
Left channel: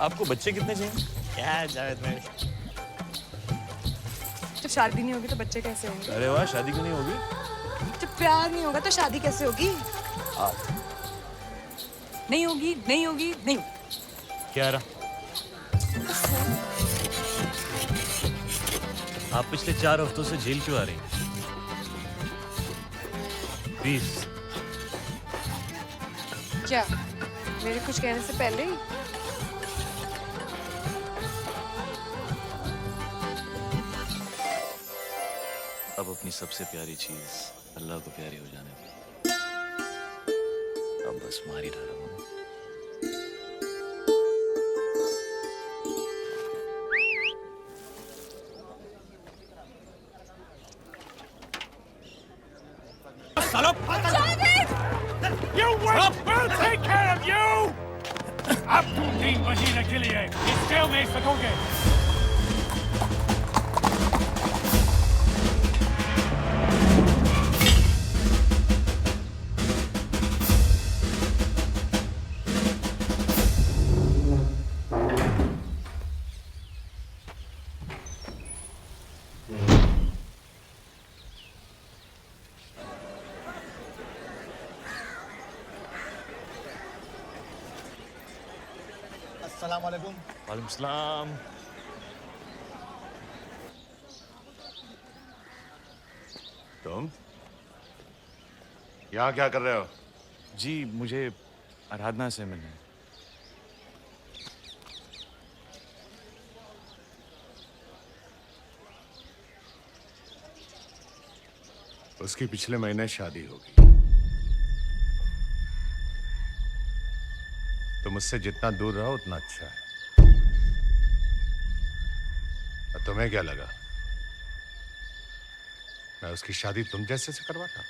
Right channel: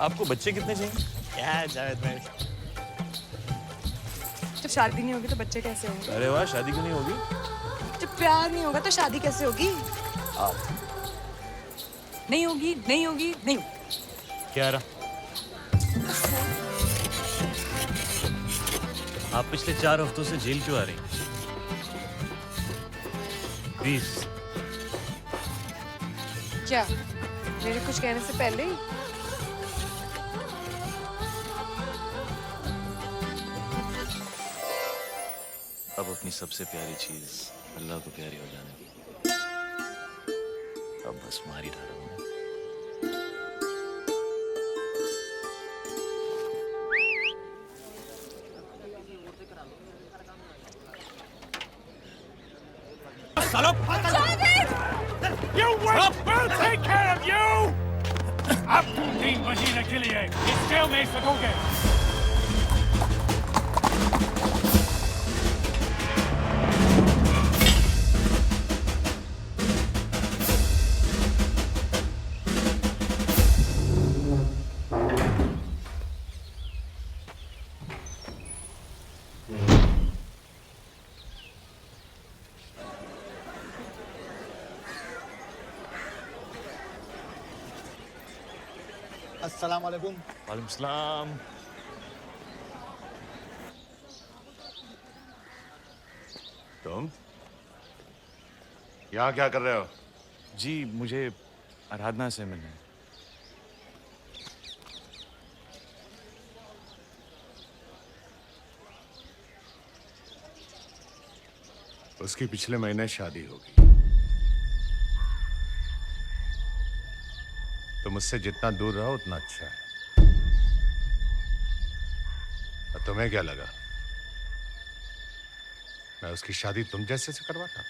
आपको बच्चे कितने चाहिए? क्या जावेद भाई, जब शादी नहीं होगी तो बच्चे कैसे होंगे? अरे वाह, शादी क्यों नहीं होगी? जब प्यार नहीं होगा तो शादी कैसे होगी? नहीं होगी, नहीं होगी, नहीं होगी। क्या रहा? आप पिछले 4 हफ्तों से जेल क्यों आ रही? 20। क्या मेरे कुछ कहने से पहले ही? अब अपनी सबसे प्यारी चीज अल्लाह को प्यारी हो जाने दी। अब बस मार ही रहा हूं। You wait! We'll take care of you! अब तुम 3 महीने के लिए इस जेल में सकोगे। अस्सलाम वालेकुम। वालेकुम सलाम। तुम यहाँ क्या कर रहे हो? जी मुझे आराधना से मिलना है। उसकी पिछले महीने शादी होगी। तो मुझसे जितना दूर रहो उतना अच्छा है। और तुम्हें क्या लगा मैं उसकी शादी तुम जैसे से करवाता?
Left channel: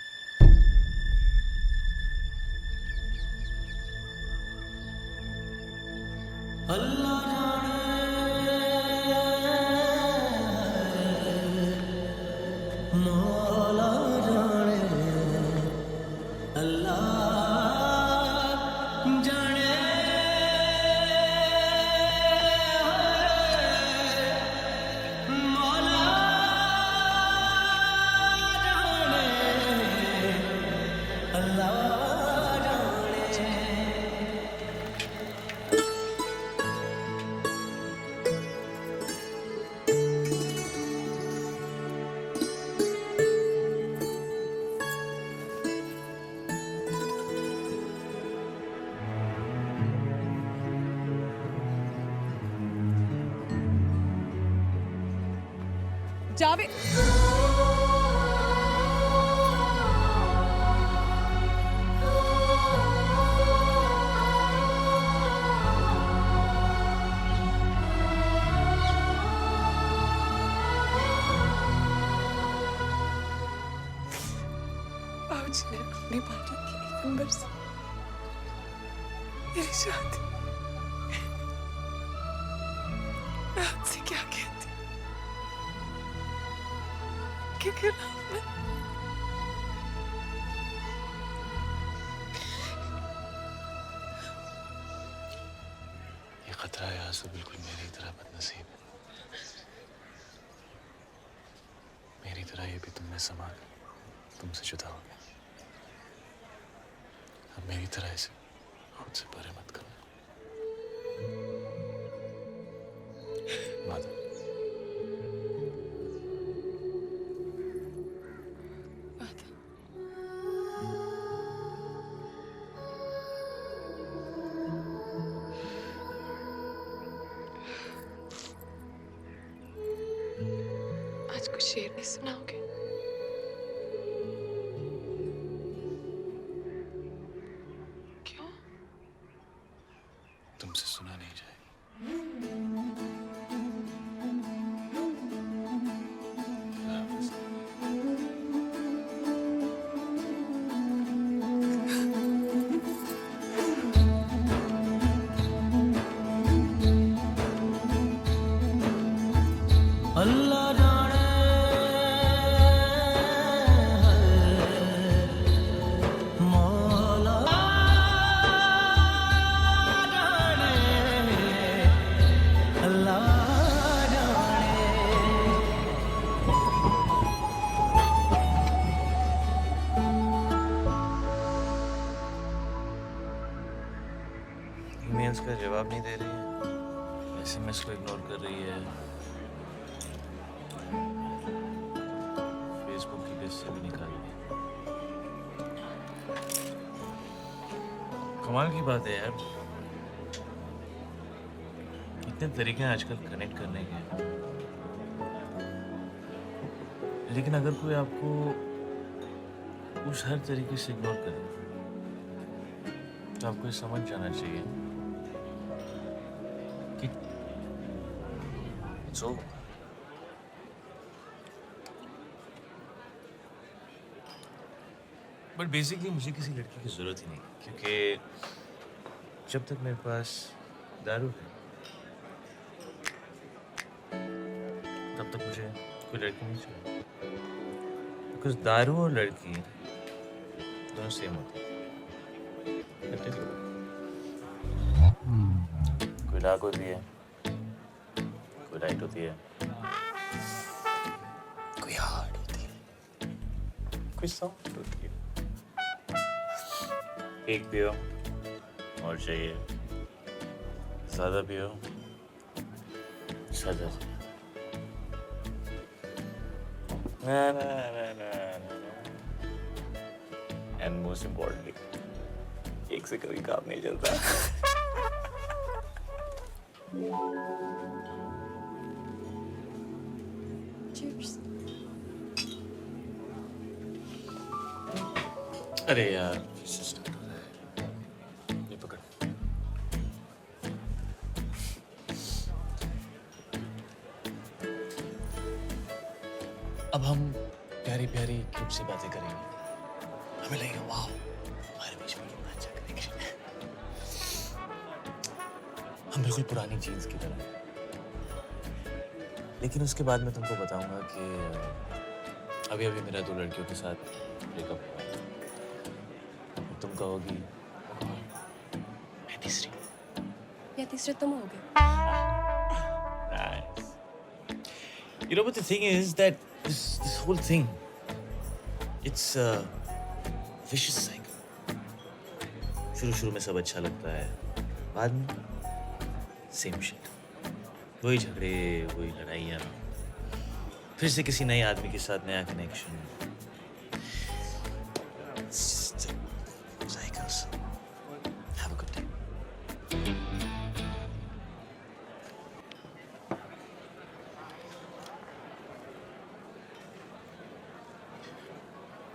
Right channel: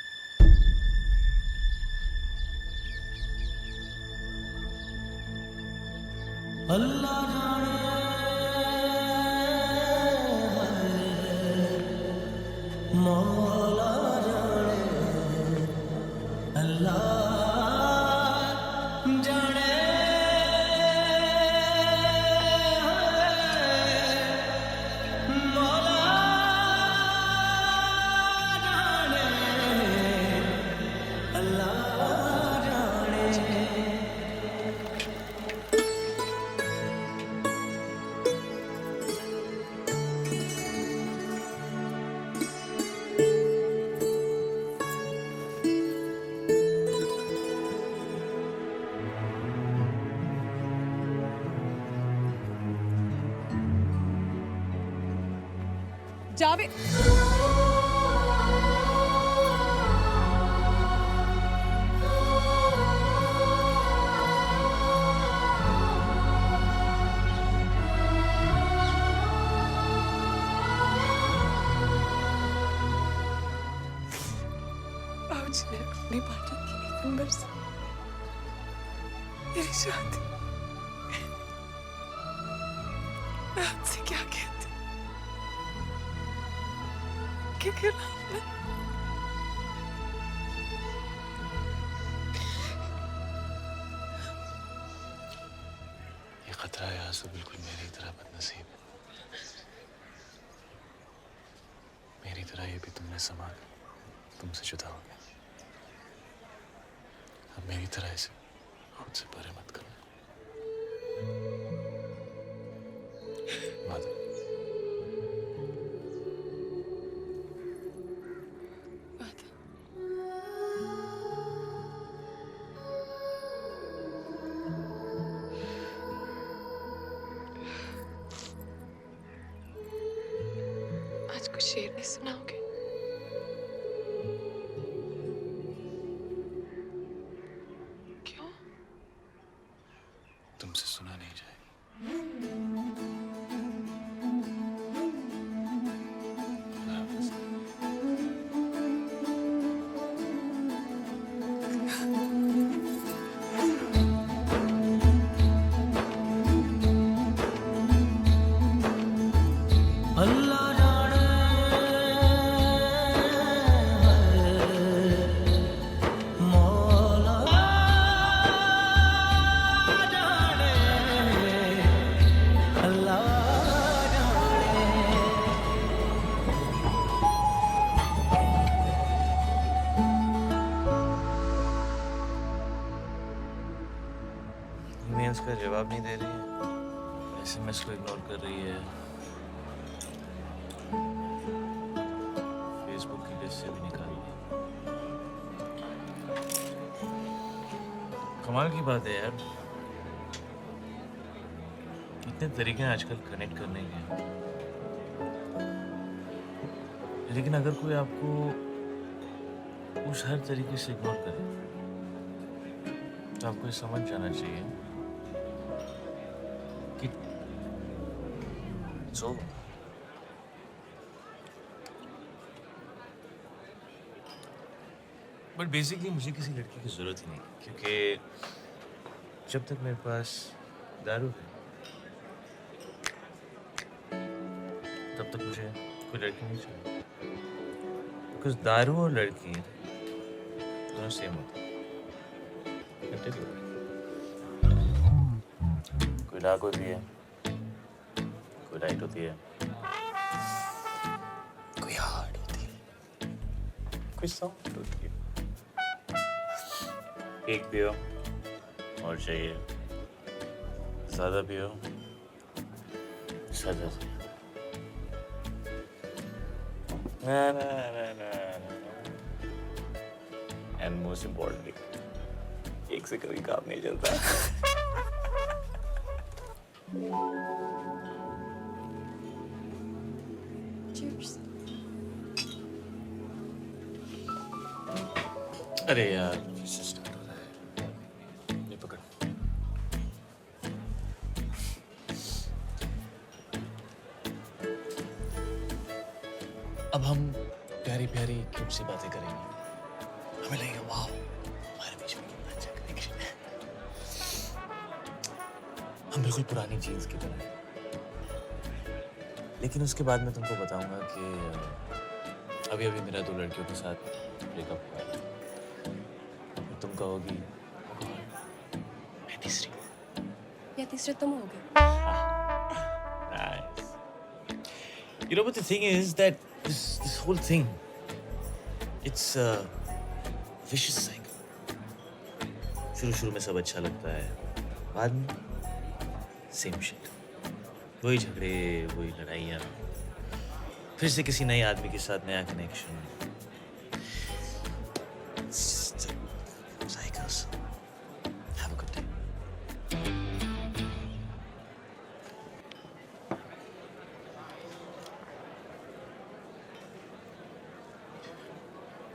जावेद बाबूजी ने अपनी पार्टी के एक नंबर से मेरी शादी मैं आपसे क्या कहती के खिलाफ मैं ये खतरा है आंसू बिल्कुल मेरी तरह बदनसीब है। मेरी तरह ये भी तुमने संभाला, तुमसे जुदा हो गया। अब मेरी तरह इसे खुद से परे मत करना। माधव, आज कुछ शेर नहीं सुनाओगे? क्यों? तुमसे सुना नहीं जाएगा। ईमेल्स का जवाब नहीं दे रही है, एसएमएस को इग्नोर कर रही है, फेसबुक की लिस्ट से भी निकाल दी। कमाल की बात है यार, इतने तरीके हैं आजकल कनेक्ट करने के, लेकिन अगर कोई आपको उस हर तरीके से इग्नोर करे तो आपको ये समझ जाना चाहिए कि it's over. बट बेसिकली मुझे किसी लड़की की जरूरत ही नहीं, क्योंकि जब तक मेरे पास दारू है तब तक मुझे कोई लड़की नहीं चाहिए, बिकॉज दारू और लड़की दोनों सेम होते हैं। कोई डार्क होती है, कोई लाइट होती है, कोई हार्ड होती है, कोई सॉफ्ट होती है। एक पियो और चाहिए, ज्यादा पियो सजा चाहिए। ना ना ना ना ना, एंड मोस्ट इम्पोर्टेंटली एक से कभी काम नहीं चलता। Cheers. अरे यार इससे स्टार्ट हो रहा है, ये पकड़। अब हम प्यारी प्यारी क्यूट सी बातें करेंगे, हमें लगेगा वाह हमारे बीच में कितना अच्छा कनेक्शन है। हम बिल्कुल पुरानी जीन्स की तरह हैं। लेकिन उसके बाद मैं तुमको बताऊंगा कि अभी अभी मेरा 2 लड़कियों के साथ ब्रेकअप हुआ है। तुम कहोगी मैं तीसरी, या तीसरे तुम हो गए। Nice. You know what the thing is that this whole thing, it's a vicious cycle. शुरू में सब अच्छा लगता है, बाद में सेम शिट, वही झगड़े, वही लड़ाइयाँ, फिर से किसी नए आदमी के साथ नया connection. Cycles. Have a good day.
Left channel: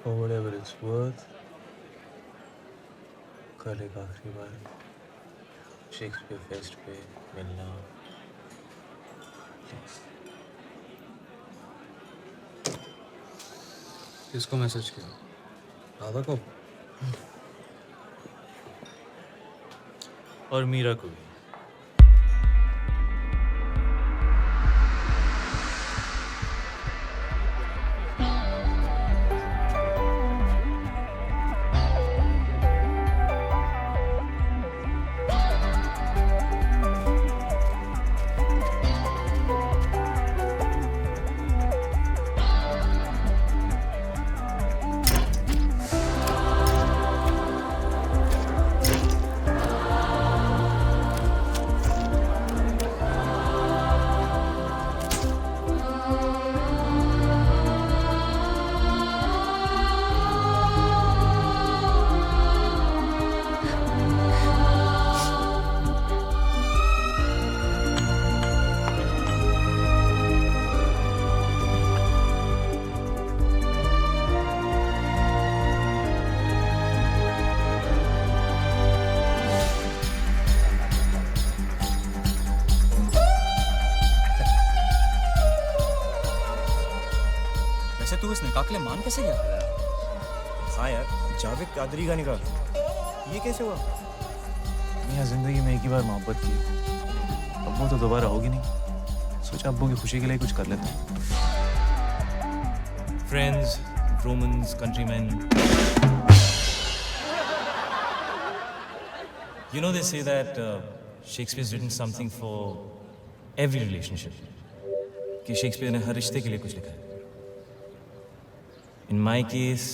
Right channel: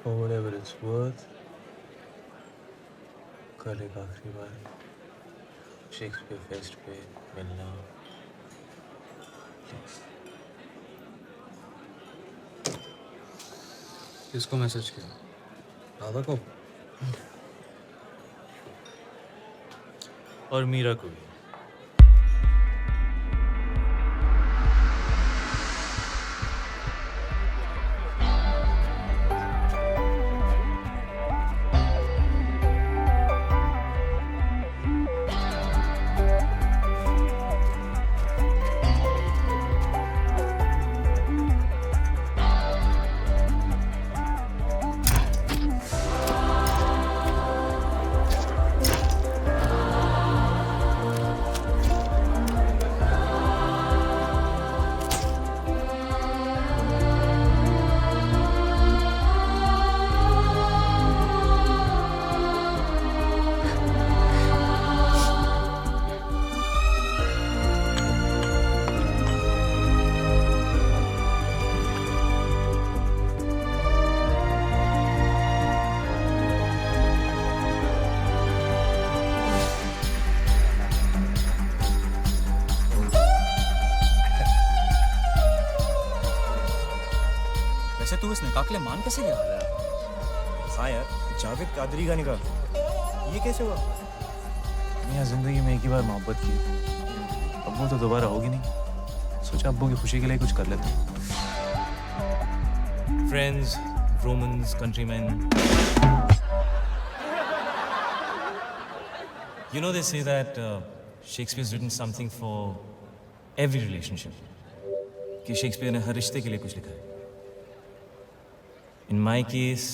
For whatever it's worth, कल एक आखिरी बार शेक्सपियर फेस्ट पे मिलना प्लीज। किसको मैसेज किया? राधा को? और मीरा को भी। वैसे तू इस निकाह के लिए मान कैसे गया? हाँ यार, जावेद कादरी का निकाह, ये कैसे हुआ? मियाँ जिंदगी में एक ही बार मोहब्बत की, अब वो तो दोबारा होगी नहीं। सोचा अब्बू की खुशी के लिए कुछ कर लेता हूँ। Friends, Romans, countrymen. You know they say that Shakespeare's written something for every relationship. कि शेक्सपियर ने हर रिश्ते के लिए कुछ लिखा है। In my case,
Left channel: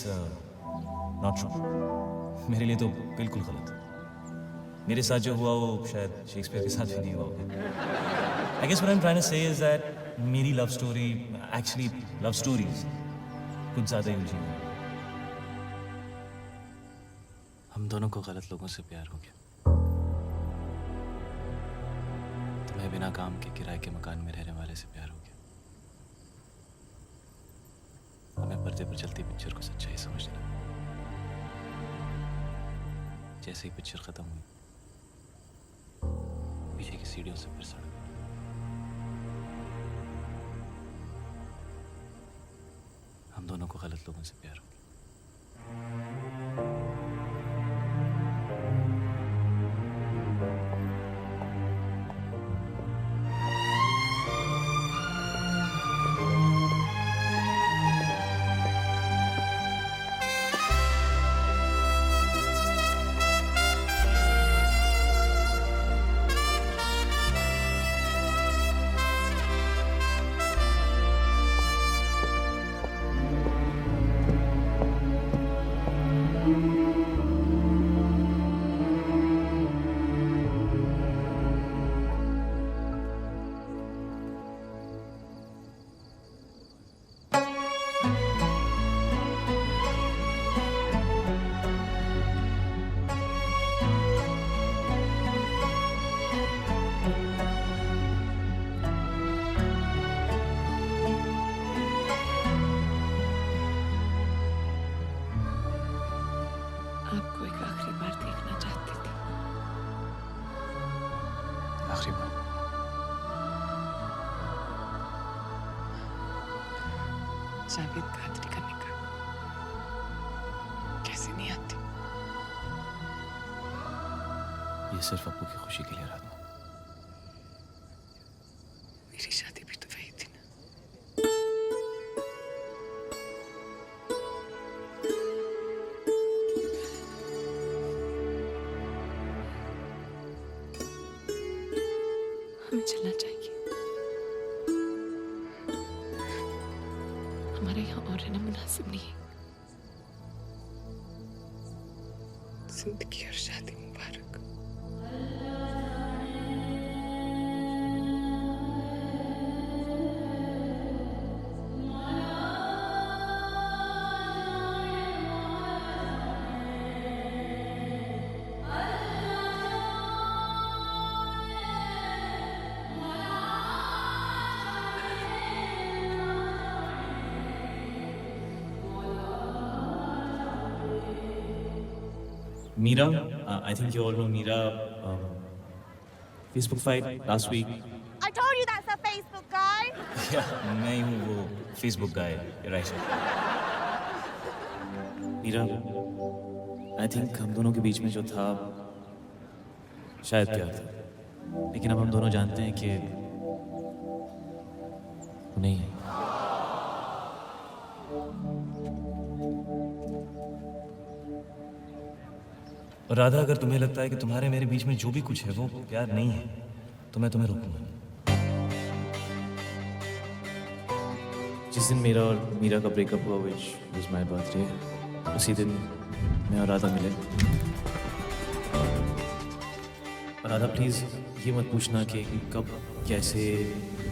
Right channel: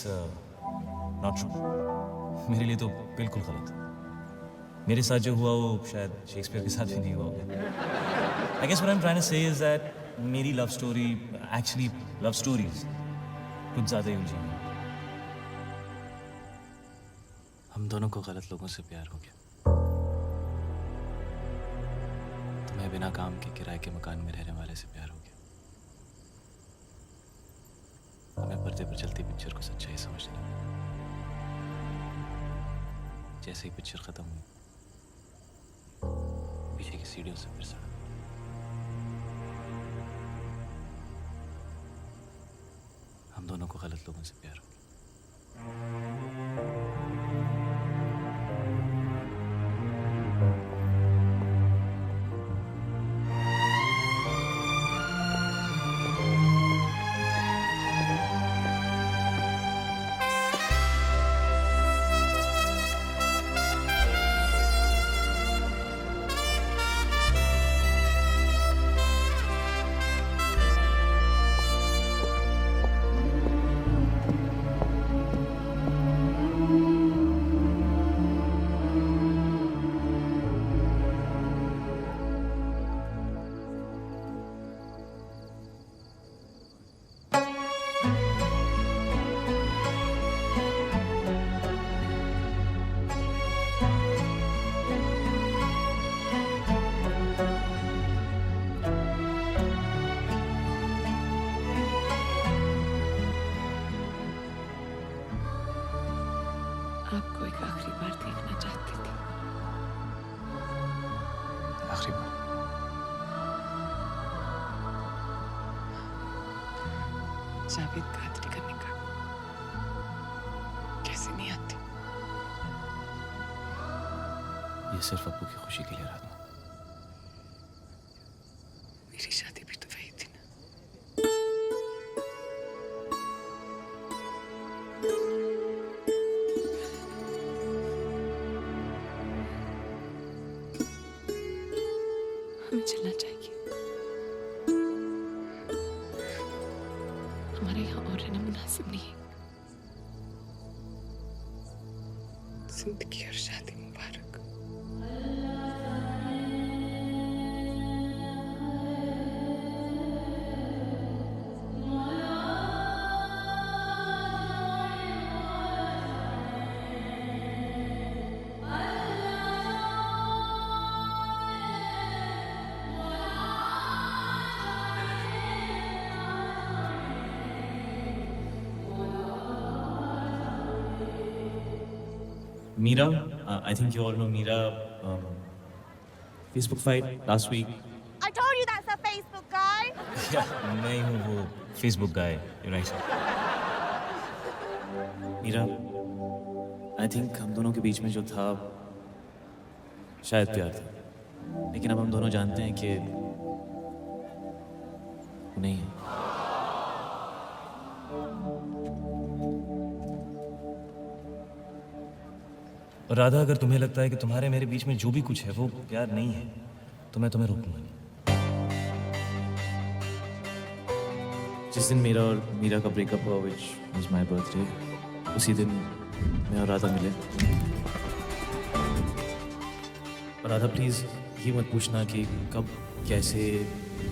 not true. मेरे लिए तो बिल्कुल गलत। मेरे साथ जो हुआ वो शायद शेक्सपियर के साथ भी नहीं हुआ होगा। I guess what I'm trying to say is that मेरी love story, actually love stories, कुछ ज़्यादा ही उलझी हुई। हम दोनों को गलत लोगों से प्यार हो गया। तुम्हें बिना काम के किराए के मकान में रहने वाले से प्यार हो गया। हमें पर्दे पर चलती पिक्चर को सच्चाई समझने लगा। जैसे ही पिक्चर खत्म हुई, पीछे की सीढ़ियों से फिर सड़क। हम दोनों को गलत लोगों से प्यार हो गया। आपको एक आखिरी बार देखना चाहती थी। आखिरी बार? जावेद कादरी का निकाह कैसे नहीं आती? ये सिर्फ अब्बू की खुशी के लिए राधा। मेरी शादी भी तो वही थी ना। हमें चलना चाहिए। हमारे यहाँ और रहना मुनासिब नहीं है। जिंदगी और शादी मुबारक। Mira, I think you all know Mira. Facebook fight last week. I told you that's a Facebook guy. Yeah, मैं ही हूँ वो Facebook guy. You're right. Mira, I think हम दोनों के बीच में जो था शायद प्यार था, लेकिन अब हम दोनों जानते हैं कि वो नहीं है। और राधा, अगर तुम्हें लगता है कि तुम्हारे मेरे बीच में जो भी कुछ है वो प्यार नहीं है, तो मैं तुम्हें रोकूंगा नहीं। जिस दिन मेरा और मीरा का ब्रेकअप हुआ, which was my birthday, उसी दिन मैं और राधा मिले। और राधा, प्लीज ये मत पूछना कि कब, कैसे,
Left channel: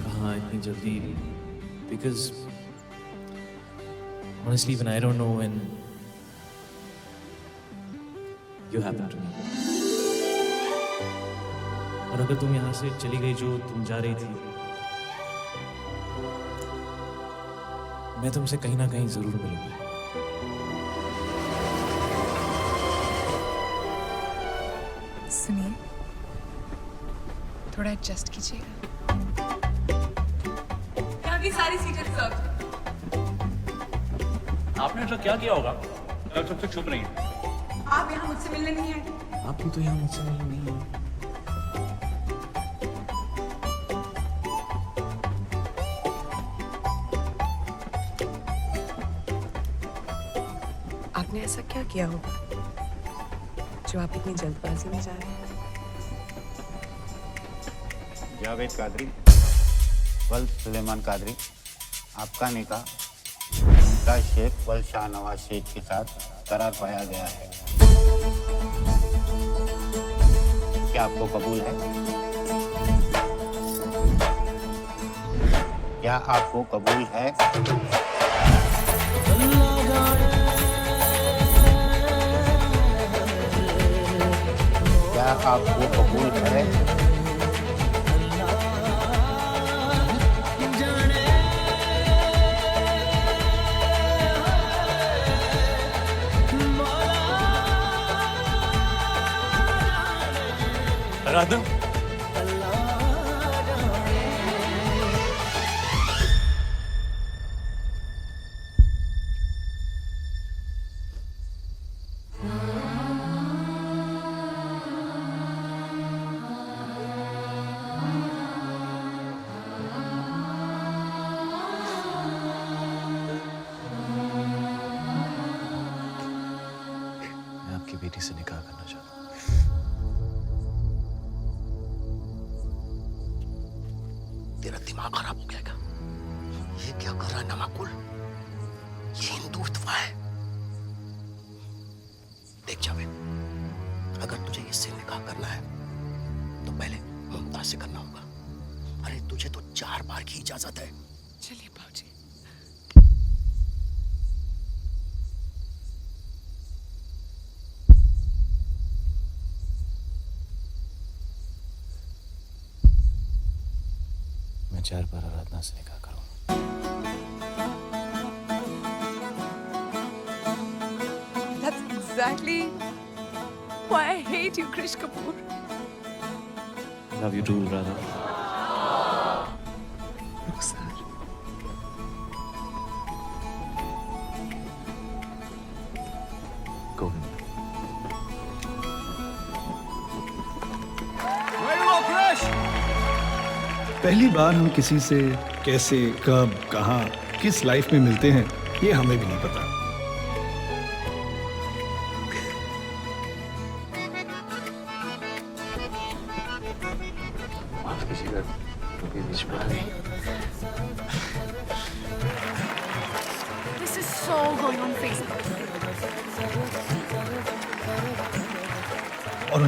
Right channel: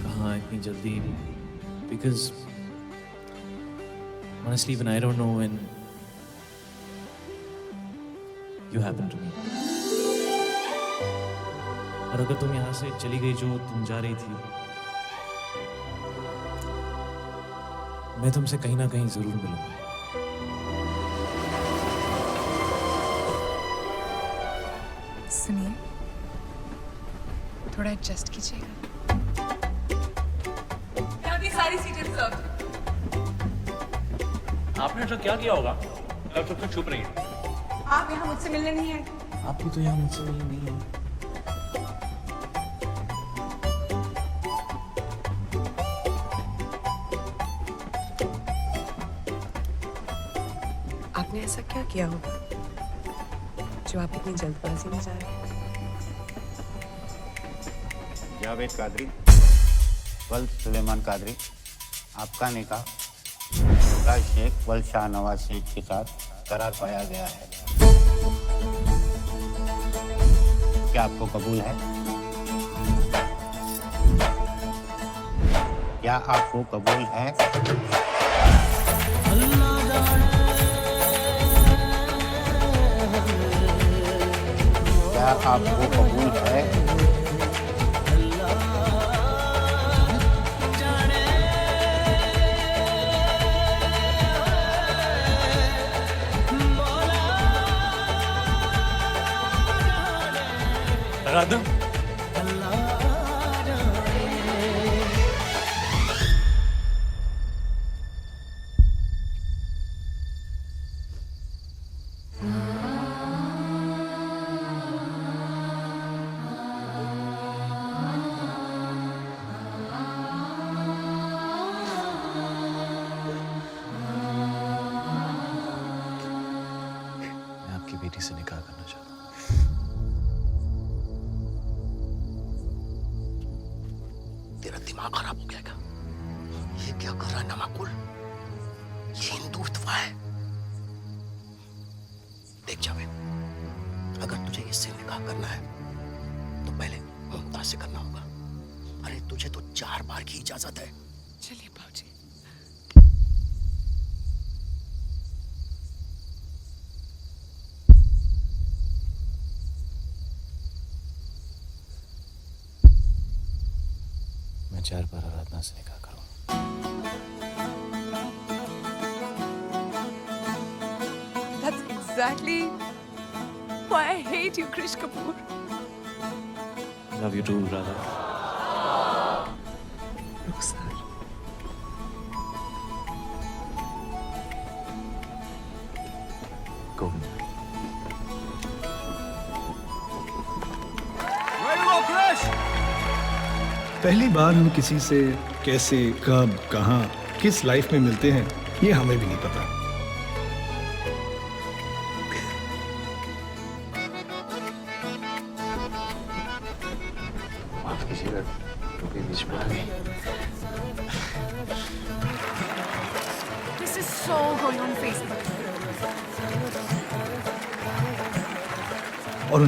कहाँ, इतनी जल्दी, because honestly when I don't know when you happen to me. और अगर तुम यहाँ से चली गई जो तुम जा रही थी, मैं तुमसे कहीं ना कहीं जरूर मिलूंगा। सुनिए, थोड़ा एडजस्ट कीजिएगा। यहाँ की सारी सीटें रिजर्व हैं। आपने ऐसा क्या किया होगा? अब सब तक चुप रही हैं। आप यहाँ मुझसे मिलने नहीं आए। आप भी तो यहाँ मुझसे मिलने नहीं आए। आपने ऐसा क्या किया होगा जो आप इतनी जल्दबाजी में जा रहे हैं? जावेद कादरी, वल सुलेमान कादरी, आपका निकाह शेख वल शाहनवाज शेख के साथ करार पाया गया है। क्या आपको कबूल है? क्या आपको कबूल है? क्या आपको कबूल है? राधा, मैं आपकी बेटी से निकाह करना चाहता हूँ। तेरा दिमाग खराब हो गया क्या? ये क्या कर रहा है नामाकुल? ये हिंदुत्व है। देख जावेद, अगर तुझे इससे निकाह करना है तो पहले मुमताज से करना होगा। अरे तुझे तो 4 बार की इजाजत है। चलिए बाबूजी। मैं 4 बार आराधना से निकाह करूंगा। That's exactly why I hate you, Krish Kapoor. Love you too, Radha. Rukhsar. Govind. Ready to go, Krish? पहली बार हम किसी से कैसे, कब, कहाँ, किस लाइफ में मिलते हैं, ये हमें भी नहीं पता। माफ कीजिएगा, टोपी बीच में आ गई। This is so going on Facebook. और उन्हें